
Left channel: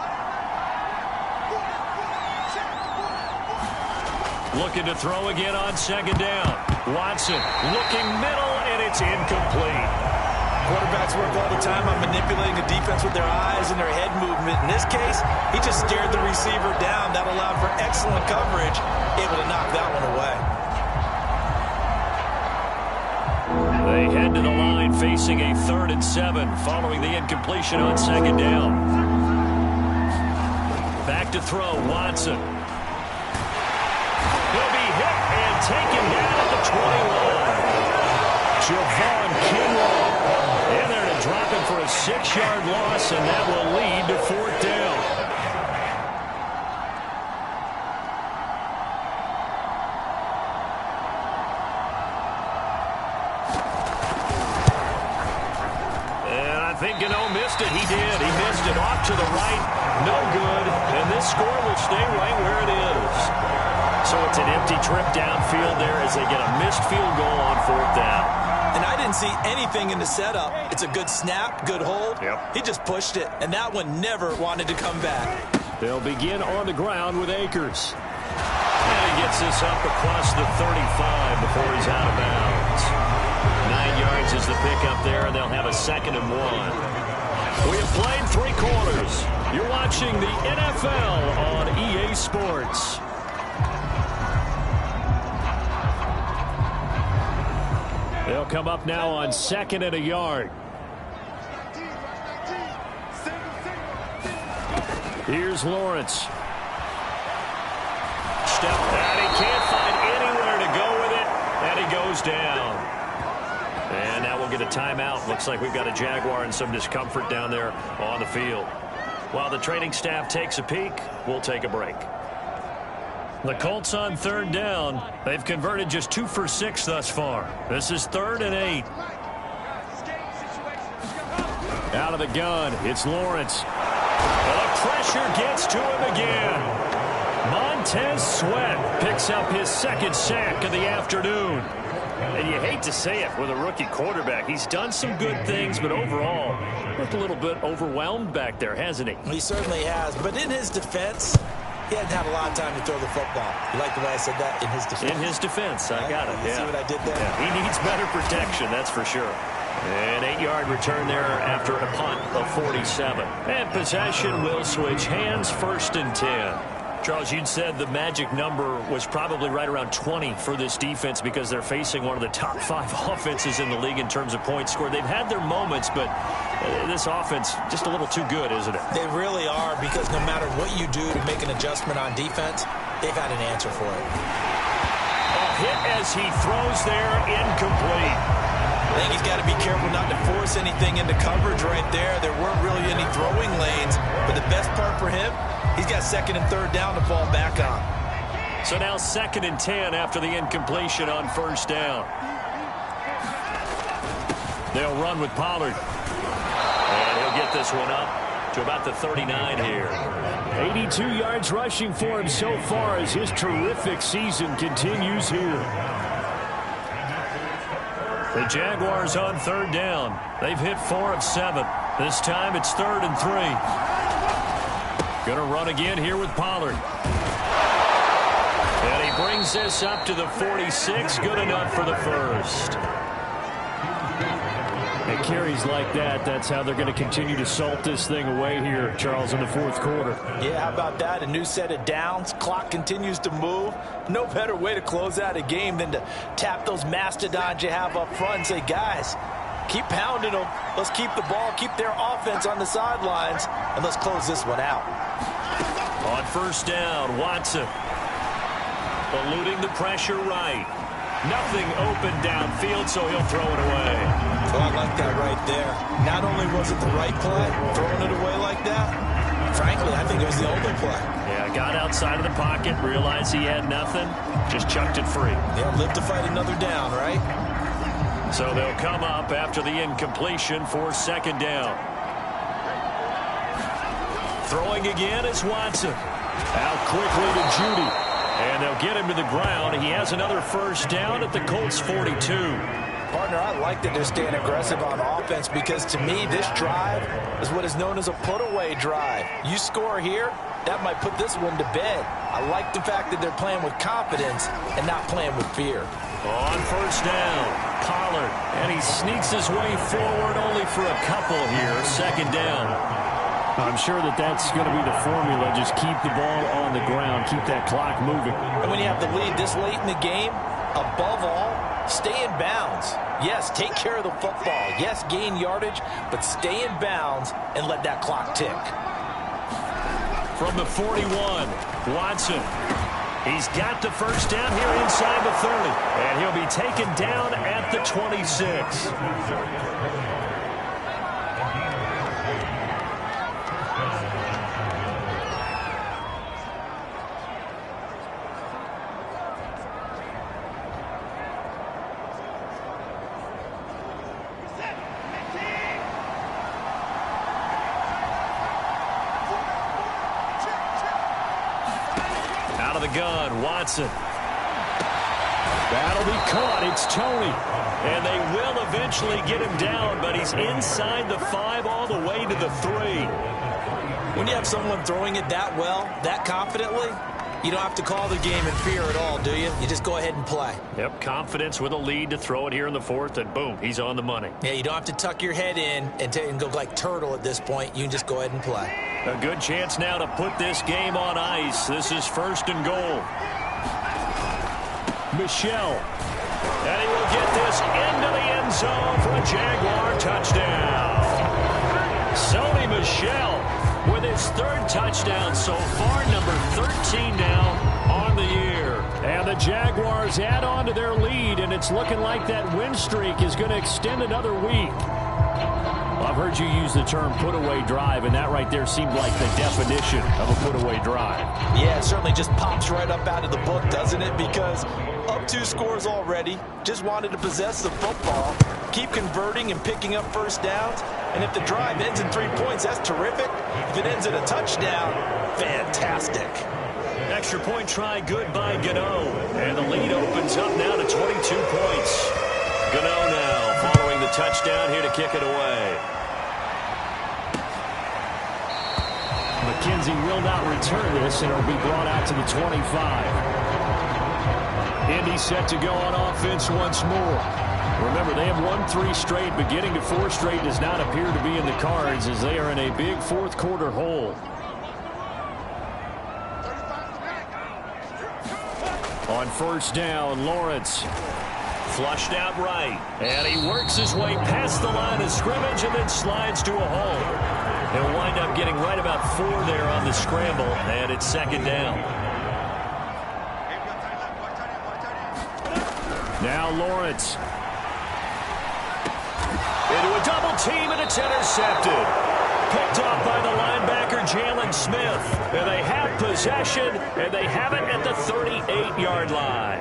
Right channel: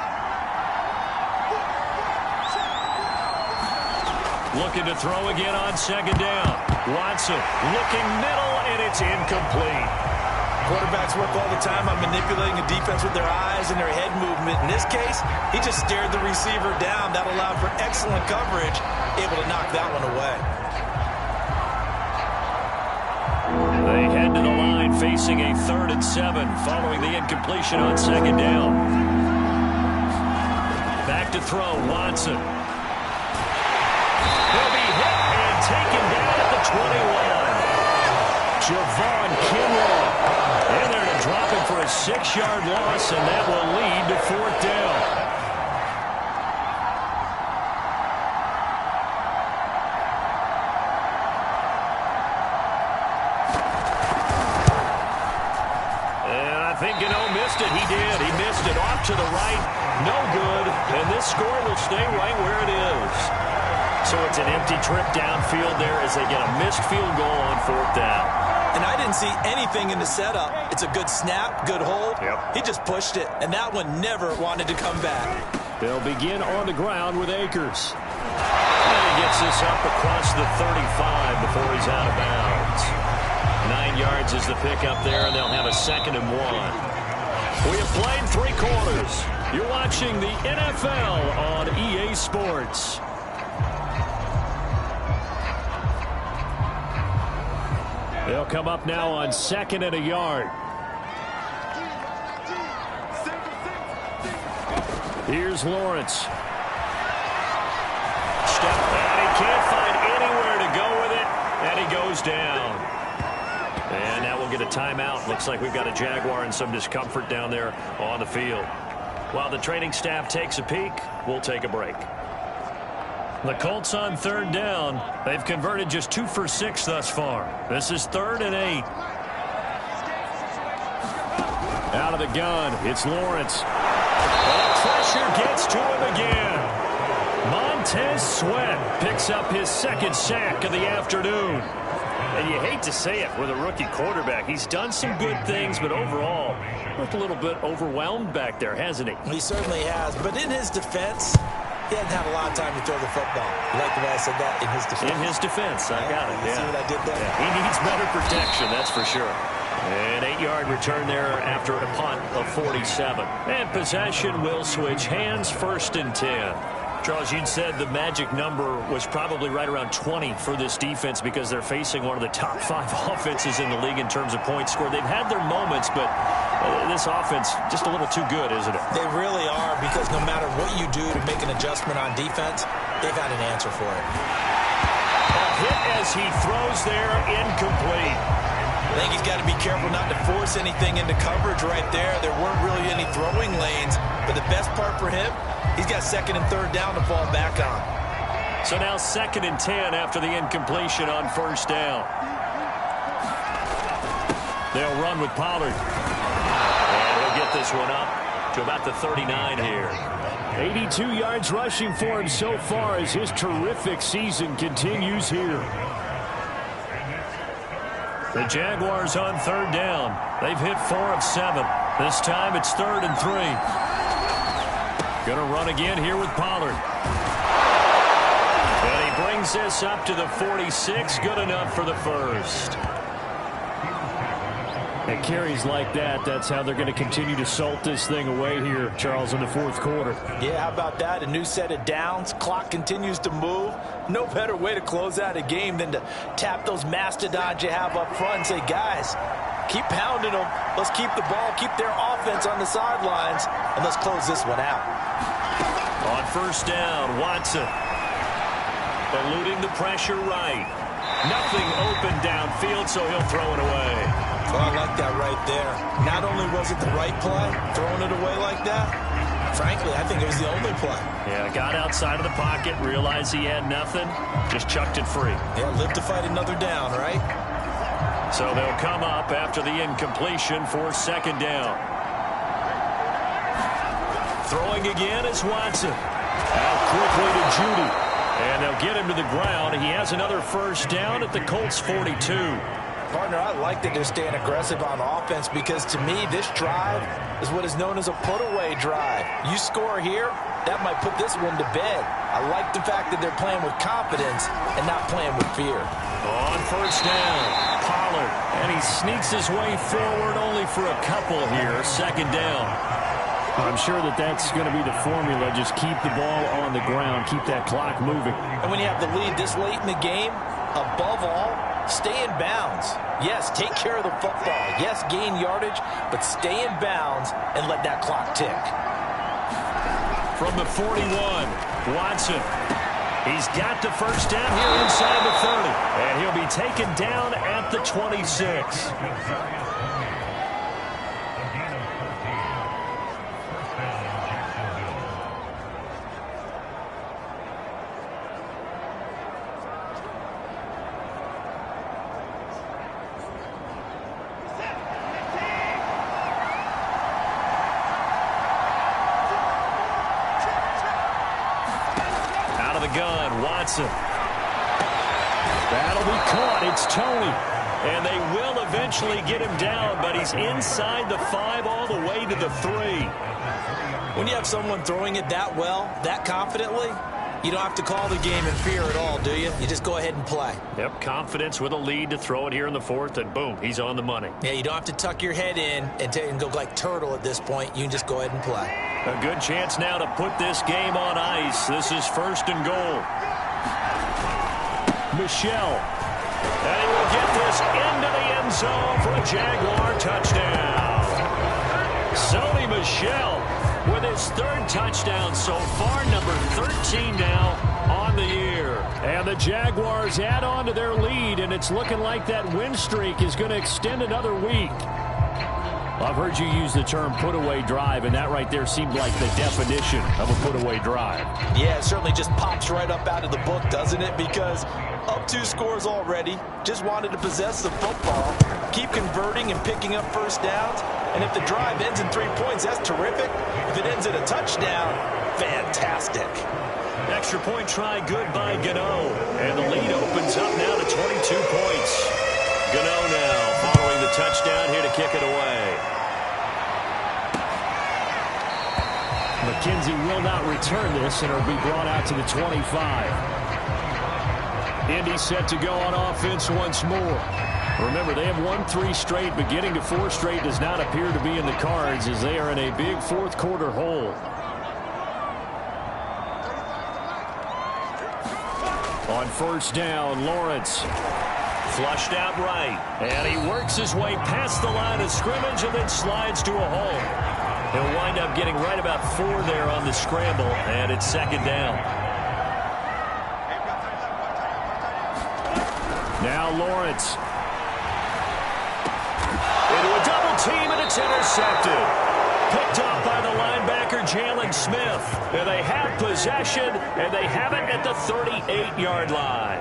Looking to throw again on 2nd down. Watson looking middle, and it's incomplete. Quarterbacks work all the time on manipulating a defense with their eyes and their head movement. In this case, he just stared the receiver down. That allowed for excellent coverage, able to knock that one away. They head to the line facing a 3rd and 7 following the incompletion on 2nd down. Back to throw, Watson. He'll be hit and taken down at the 21. Javon Kinlaw. In there to drop him for a 6-yard loss, and that will lead to 4th down. I think Gano missed it. He did. He missed it off to the right. No good. And this score will stay right where it is. So it's an empty trip downfield there as they get a missed field goal on 4th down. And I didn't see anything in the setup. It's a good snap, good hold. Yep. He just pushed it, and that one never wanted to come back. They'll begin on the ground with Akers. And he gets this up across the 35 before he's out of bounds. 9 yards is the pickup there, and they'll have a 2nd and 1. We have played 3 quarters. You're watching the NFL on EA Sports. They'll come up now on 2nd and a yard. Here's Lawrence. Step, and he can't find anywhere to go with it, and he goes down. And now we'll get a timeout. Looks like we've got a Jaguar and some discomfort down there on the field. While the training staff takes a peek, we'll take a break. The Colts on 3rd down. They've converted just 2 for 6 thus far. This is 3rd and 8. Out of the gun, it's Lawrence. The pressure gets to him again. Montez Sweat picks up his 2nd sack of the afternoon. And you hate to say it with a rookie quarterback. He's done some good things, but overall, looked a little bit overwhelmed back there, hasn't he? He certainly has. But in his defense, he hadn't had a lot of time to throw the football. You like the way I said that? In his defense. In his defense. I got it. You see what I did there? Yeah. He needs better protection, that's for sure. An 8-yard return there after a punt of 47. And possession will switch hands, 1st and 10. Charles, you'd said the magic number was probably right around 20 for this defense because they're facing one of the top 5 offenses in the league in terms of points scored. They've had their moments, but this offense just a little too good, isn't it? They really are, because no matter what you do to make an adjustment on defense, they've had an answer for it. A hit as he throws there, incomplete. I think he's got to be careful not to force anything into coverage right there. There weren't really any throwing lanes, but the best part for him, he's got 2nd and 3rd down to fall back on. So now 2nd and 10 after the incompletion on 1st down. They'll run with Pollard. And he'll get this one up to about the 39 here. 82 yards rushing for him so far as his terrific season continues here. The Jaguars on 3rd down. They've hit 4 of 7. This time it's 3rd and 3. Going to run again here with Pollard. And he brings this up to the 46. Good enough for the 1st. And carries like that, that's how they're going to continue to salt this thing away here, Charles, in the 4th quarter. Yeah, how about that? A new set of downs. Clock continues to move. No better way to close out a game than to tap those mastodons you have up front and say, guys, keep pounding them. Let's keep the ball, keep their offense on the sidelines, and let's close this one out. On 1st down, Watson eluding the pressure right. Nothing open downfield, so he'll throw it away. Oh, I like that right there. Not only was it the right play, throwing it away like that, frankly, I think it was the only play. Yeah, got outside of the pocket, realized he had nothing, just chucked it free. Yeah, live to fight another down, right? So they'll come up after the incompletion for 2nd down. Throwing again is Watson. Out quickly to Judy. And they'll get him to the ground. He has another 1st down at the Colts 42. Partner, I like that they're staying aggressive on offense because to me, this drive is what is known as a put-away drive. You score here, that might put this one to bed. I like the fact that they're playing with confidence and not playing with fear. On 1st down, Pollard. And he sneaks his way forward only for a couple here. 2nd down. I'm sure that that's going to be the formula. Just keep the ball on the ground. Keep that clock moving. And when you have the lead this late in the game, above all, stay in bounds. Yes, take care of the football. Yes, gain yardage, but stay in bounds and let that clock tick. From the 41, Watson. He's got the first down here inside the 30. And he'll be taken down at the 26. Out of the gun, Watson. That'll be caught. It's Tony. And they will eventually get him down, but he's inside the 5 all the way to the 3. When you have someone throwing it that well, that confidently, you don't have to call the game in fear at all, do you? You just go ahead and play. Yep, confidence with a lead to throw it here in the 4th, and boom, he's on the money. Yeah, you don't have to tuck your head in and go like turtle at this point. You can just go ahead and play. A good chance now to put this game on ice. This is 1st and goal. Michelle. And he will get this into the end zone for a Jaguar touchdown. Sony Michel with his 3rd touchdown so far, number 13 now on the year. And the Jaguars add on to their lead, and it's looking like that win streak is going to extend another week. Well, I've heard you use the term put-away drive, and that right there seemed like the definition of a put-away drive. Yeah, it certainly just pops right up out of the book, doesn't it? Because up 2 scores already, just wanted to possess the football, keep converting and picking up first downs, and if the drive ends in 3 points, that's terrific. If it ends in a touchdown, fantastic. Extra point try good by Gano, and the lead opens up now to 22 points. Gano now following the touchdown here to kick it away. McKenzie will not return this, and it'll be brought out to the 25. Indy set to go on offense once more. Remember, they have won 3 straight, but getting to 4 straight does not appear to be in the cards as they are in a big 4th quarter hole. On first down, Lawrence. Flushed out right. And he works his way past the line of scrimmage and then slides to a hole. He'll wind up getting right about 4 there on the scramble, and it's 2nd down. Now Lawrence. Into a double team, and it's intercepted. Picked off by the linebacker, Jalen Smith. And they have possession, and they have it at the 38-yard line.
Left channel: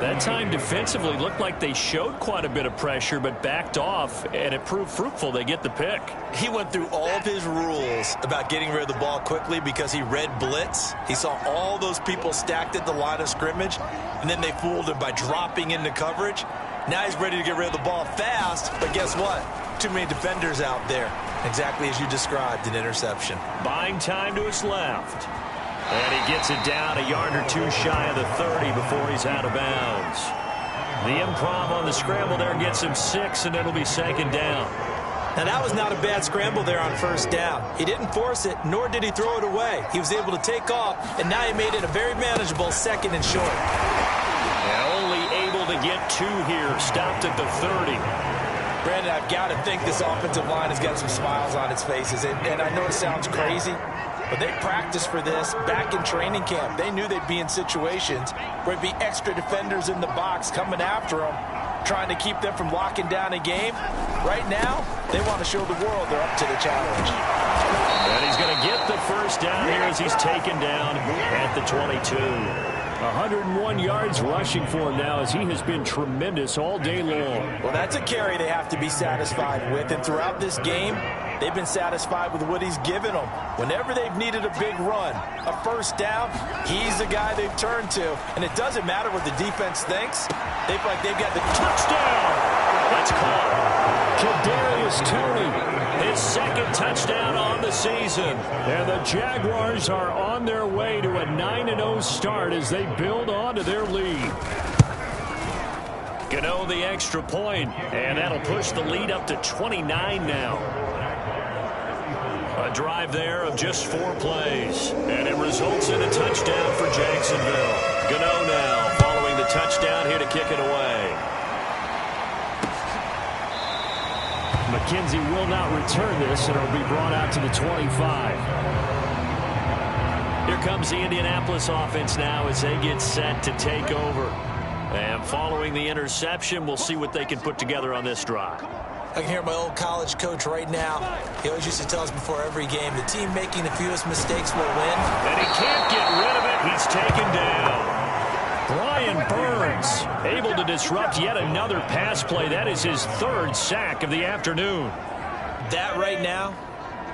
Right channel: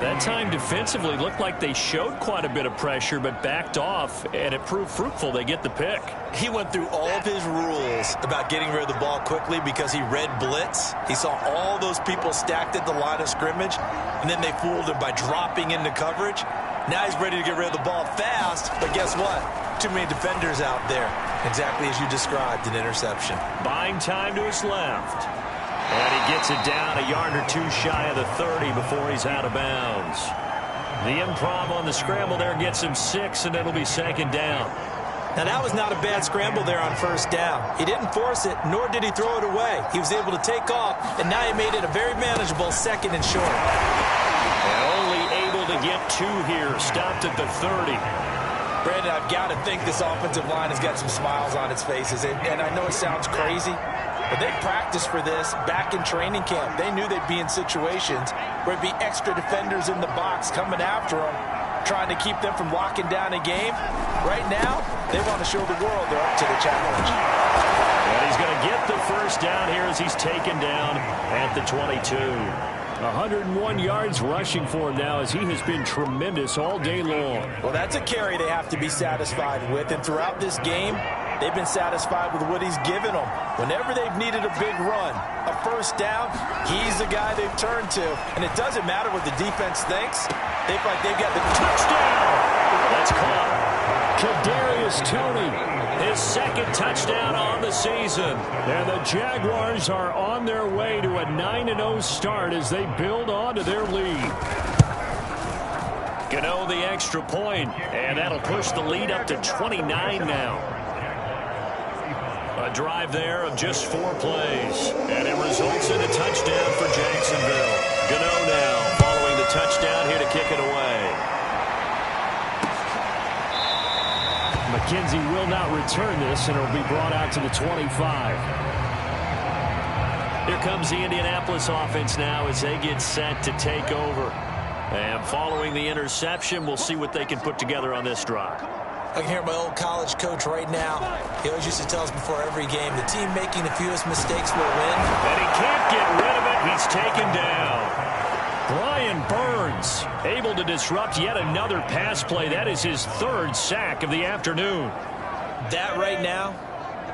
That time defensively looked like they showed quite a bit of pressure, but backed off, and it proved fruitful. They get the pick. He went through all of his rules about getting rid of the ball quickly because he read blitz. He saw all those people stacked at the line of scrimmage, and then they fooled him by dropping into coverage. Now he's ready to get rid of the ball fast, but guess what? Too many defenders out there. Exactly as you described, an interception. Buying time to his left. And he gets it down a yard or 2 shy of the 30 before he's out of bounds. The improv on the scramble there gets him 6, and it'll be 2nd down. Now, that was not a bad scramble there on first down. He didn't force it, nor did he throw it away. He was able to take off, and now he made it a very manageable 2nd and short. And only able to get 2 here. Stopped at the 30. Brandon, I've got to think this offensive line has got some smiles on its faces. And I know it sounds crazy, but they practiced for this back in training camp. They knew they'd be in situations where it'd be extra defenders in the box coming after them, trying to keep them from locking down a game. Right now, they want to show the world they're up to the challenge. And he's going to get the first down here as he's taken down at the 22. 101 yards rushing for him now as he has been tremendous all day long. Well, that's a carry they have to be satisfied with. And throughout this game, they've been satisfied with what he's given them. Whenever they've needed a big run, a first down, he's the guy they've turned to. And it doesn't matter what the defense thinks. They feel like they've got the touchdown. That's caught. Kadarius Toney. His 2nd touchdown on the season. And the Jaguars are on their way to a 9-0 start as they build on to their lead. Gano the extra point, and that'll push the lead up to 29 now. A drive there of just 4 plays, and it results in a touchdown for Jacksonville. Gano now following the touchdown here to kick it away. McKenzie will not return this, and it'll be brought out to the 25. Here comes the Indianapolis offense now as they get set to take over. And following the interception, we'll see what they can put together on this drive. I can hear my old college coach right now. He always used to tell us before every game, the team making the fewest mistakes will win. And he can't get rid of it. He's taken down. Brian Burns able to disrupt yet another pass play. That is his third sack of the afternoon. That right now,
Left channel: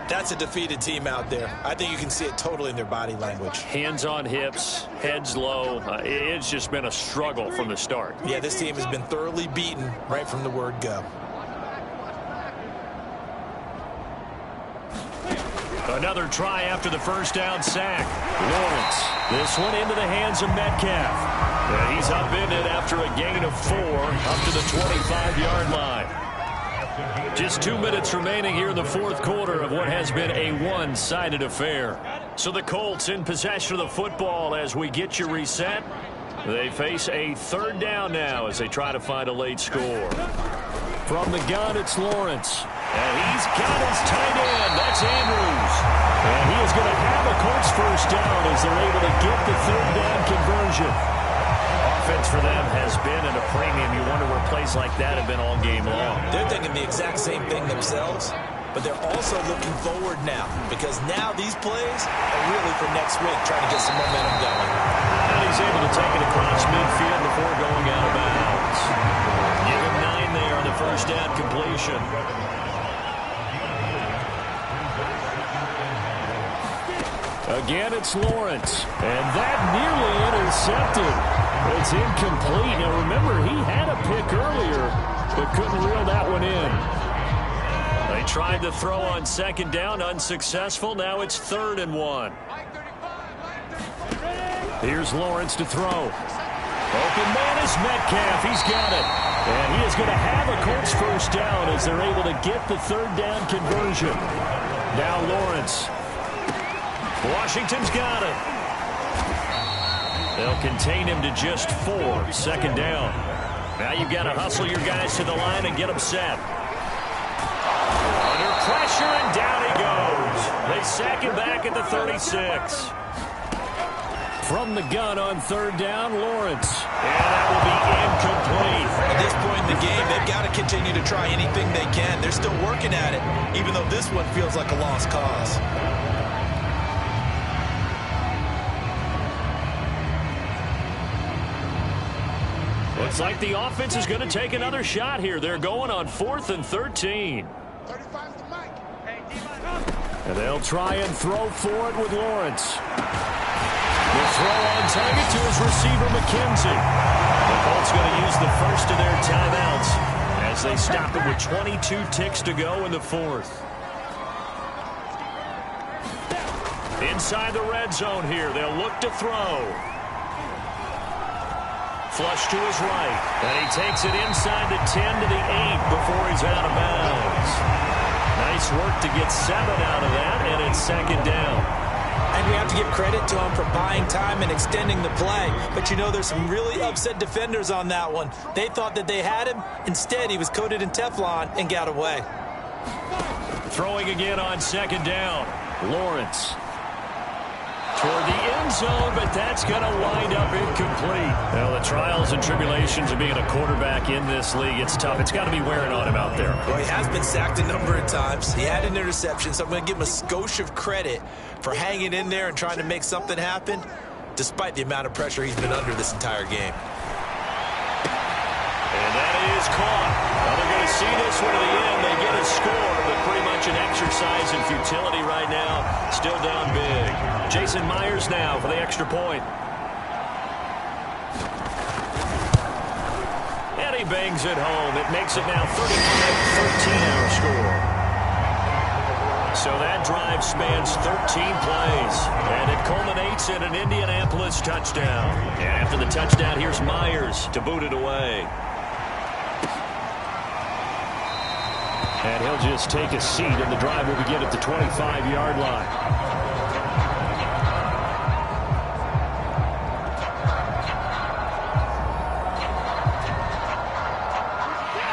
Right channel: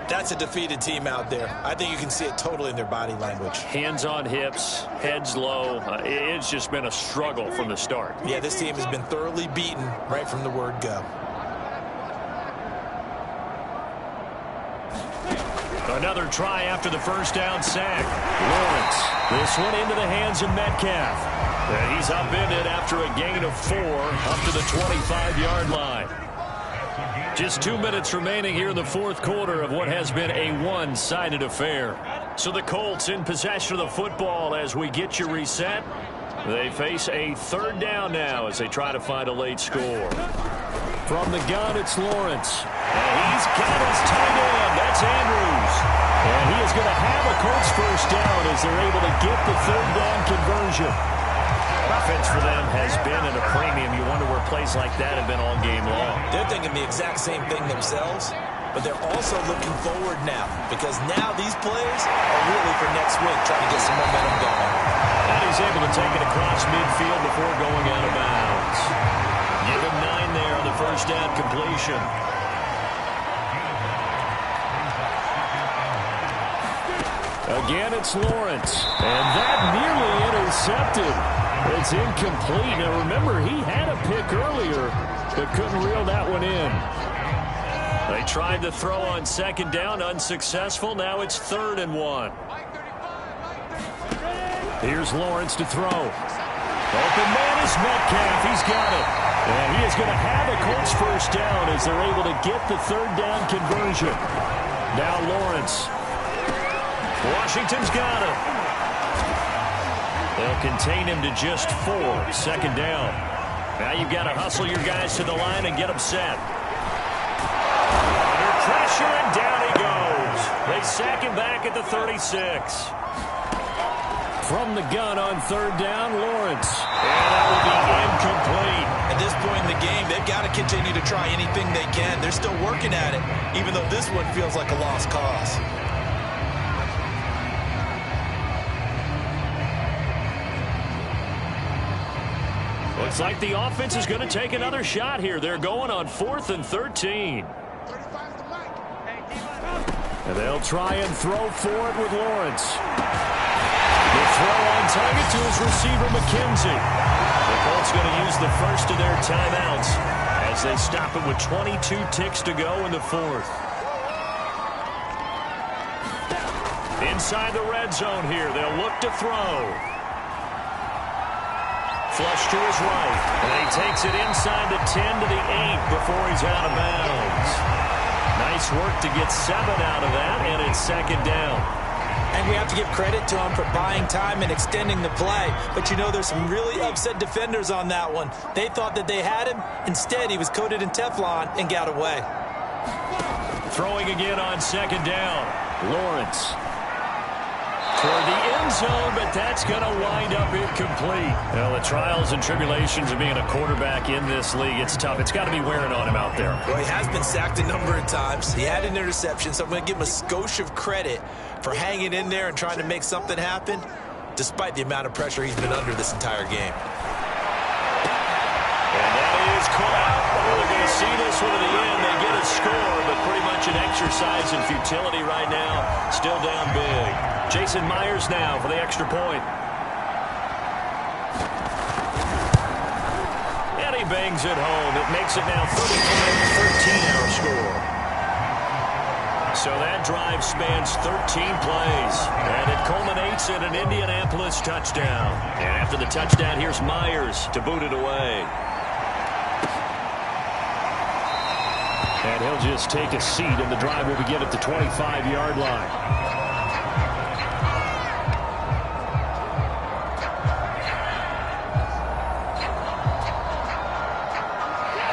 that's a defeated team out there. I think you can see it totally in their body language. Hands on hips, heads low. It's just been a struggle from the start. Yeah, this team has been thoroughly beaten right from the word go. Another try after the first down sack. Lawrence, this one into the hands of Metcalf. And he's upended after a gain of 4 up to the 25-yard line. Just 2 minutes remaining here in the fourth quarter of what has been a one-sided affair. So the Colts in possession of the football as we get you reset. They face a third down now as they try to find a late score. From the gun, it's Lawrence. And he's got his tight end. That's Andrews. And he is going to have a Colts first down as they're able to get the third down conversion. Offense for them has been at a premium. You wonder where plays like that have been all game long. They're thinking the exact same thing themselves, but they're also looking forward now because now these plays are really for next week, trying to get some momentum going. And he's able to take it across midfield before going out of bounds. Give him 9 there on the first down completion. Again, it's Lawrence. And that nearly intercepted. It's incomplete. Now, remember, he had a pick earlier, but couldn't reel that one in. They tried to throw on second down, unsuccessful. Now it's 3rd and 1. Here's Lawrence to throw. Open man is Metcalf. He's got it. And he is going to have a Colts first down as they're able to get the third down conversion. Now Lawrence. Washington's got him. They'll contain him to just 4. 2nd down. Now you've got to hustle your guys to the line and get them set. Under pressure, and down he goes. They sack him back at the 36. From the gun on 3rd down, Lawrence. And that will be incomplete. At this point in the game, they've got to continue to try anything they can. They're still working at it, even though this one feels like a lost cause. Looks like the offense is going to take another shot here. They're going on 4th and 13. And they'll try and throw for it with Lawrence. The throw on target to his receiver, McKenzie. The Colts going to use the first of their timeouts as they stop it with 22 ticks to go in the 4th. Inside the red zone here, they'll look to throw. Flush to his right, and he takes it inside the 10 to the 8 before he's out of bounds. Nice work to get 7 out of that, and it's 2nd down. And we have to give credit to him for buying time and extending the play. But you know, there's some really upset defenders on that one. They thought that they had him. Instead, he was coated in Teflon and got away. Throwing again on 2nd down. Lawrence toward the end zone, but that's going to wind up incomplete. Well, the trials and tribulations of being a quarterback in this league, it's tough. It's got to be wearing on him out there. Well, he has been sacked a number of times. He had an interception, so I'm going to give him a skosh of credit for hanging in there and trying to make something happen, despite the amount of pressure he's been under this entire game. And that is caught. Well, they're going to see this one to the end. They get a score, but pretty much an exercise in futility right now. Still down big. Jason Myers now for the extra point. And he bangs it home. It makes it now 35-13 our score. So that drive spans 13 plays, and it culminates in an Indianapolis touchdown. And after the touchdown, here's Myers to boot it away. And he'll just take a seat, and the drive will begin at the 25-yard line.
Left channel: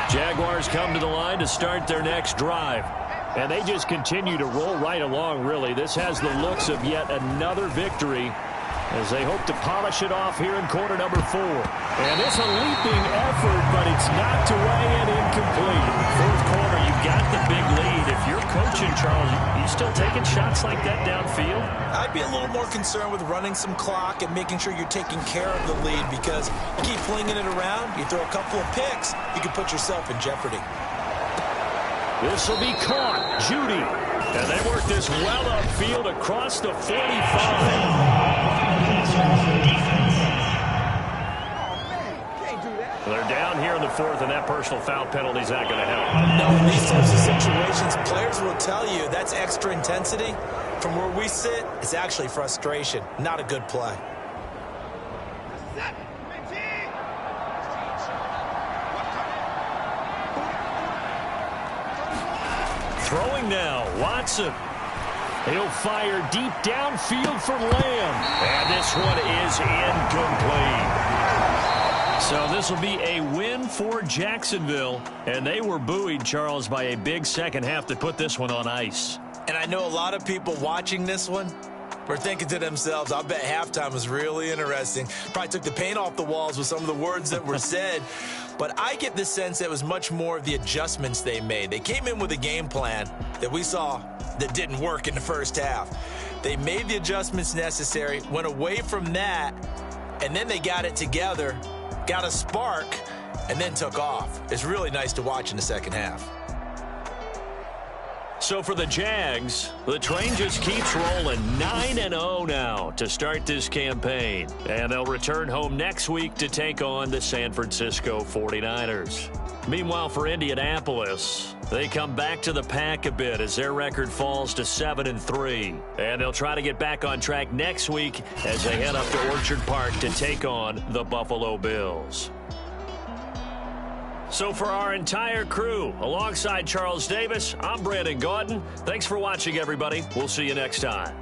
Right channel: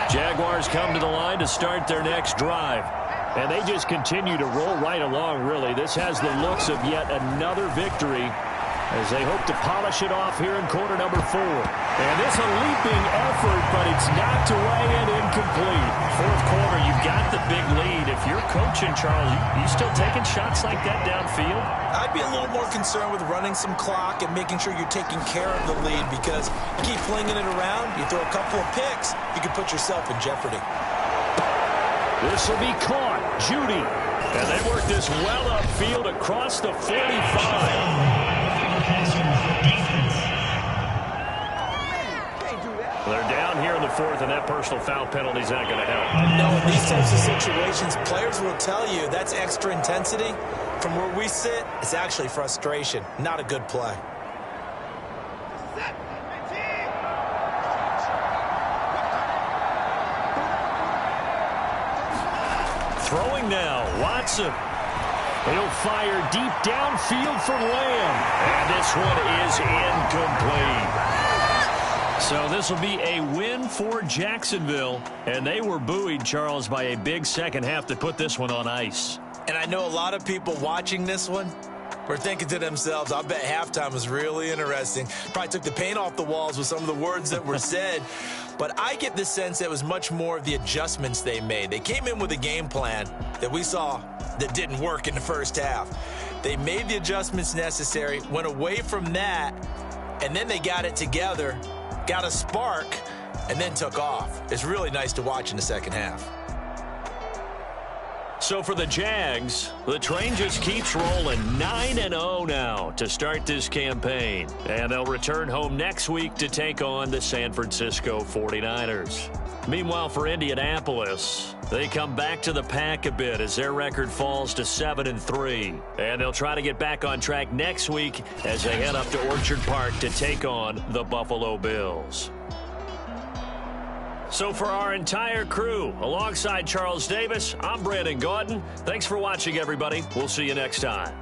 Jaguars come to the line to start their next drive. And they just continue to roll right along, really. This has the looks of yet another victory as they hope to polish it off here in quarter number 4. And it's a leaping effort, but it's knocked away and incomplete. Fourth quarter, you've got the big lead. If you're coaching, Charles, you still taking shots like that downfield? I'd be a little more concerned with running some clock and making sure you're taking care of the lead, because you keep flinging it around, you throw a couple of picks, you can put yourself in jeopardy. This will be caught. Judy. And they work this well upfield across the 45. They're down here in the 4th, and that personal foul penalty is not going to help. No, in these types of situations, players will tell you that's extra intensity. From where we sit, it's actually frustration, not a good play. Throwing now, Watson. He'll fire deep downfield for Lamb. And this one is incomplete. So this will be a win for Jacksonville. And they were buoyed, Charles, by a big second half to put this one on ice. And I know a lot of people watching this one were thinking to themselves, I bet halftime was really interesting. Probably took the paint off the walls with some of the words that were said. But I get the sense that it was much more of the adjustments they made. They came in with a game plan that we saw that didn't work in the first half. They made the adjustments necessary, went away from that, and then they got it together, got a spark, and then took off. It's really nice to watch in the second half. So for the Jags, the train just keeps rolling. 9-0 now to start this campaign. And they'll return home next week to take on the San Francisco 49ers. Meanwhile, for Indianapolis, they come back to the pack a bit as their record falls to 7-3. And they'll try to get back on track next week as they head up to Orchard Park to take on the Buffalo Bills. So for our entire crew, alongside Charles Davis, I'm Brandon Gaudin. Thanks for watching, everybody. We'll see you next time.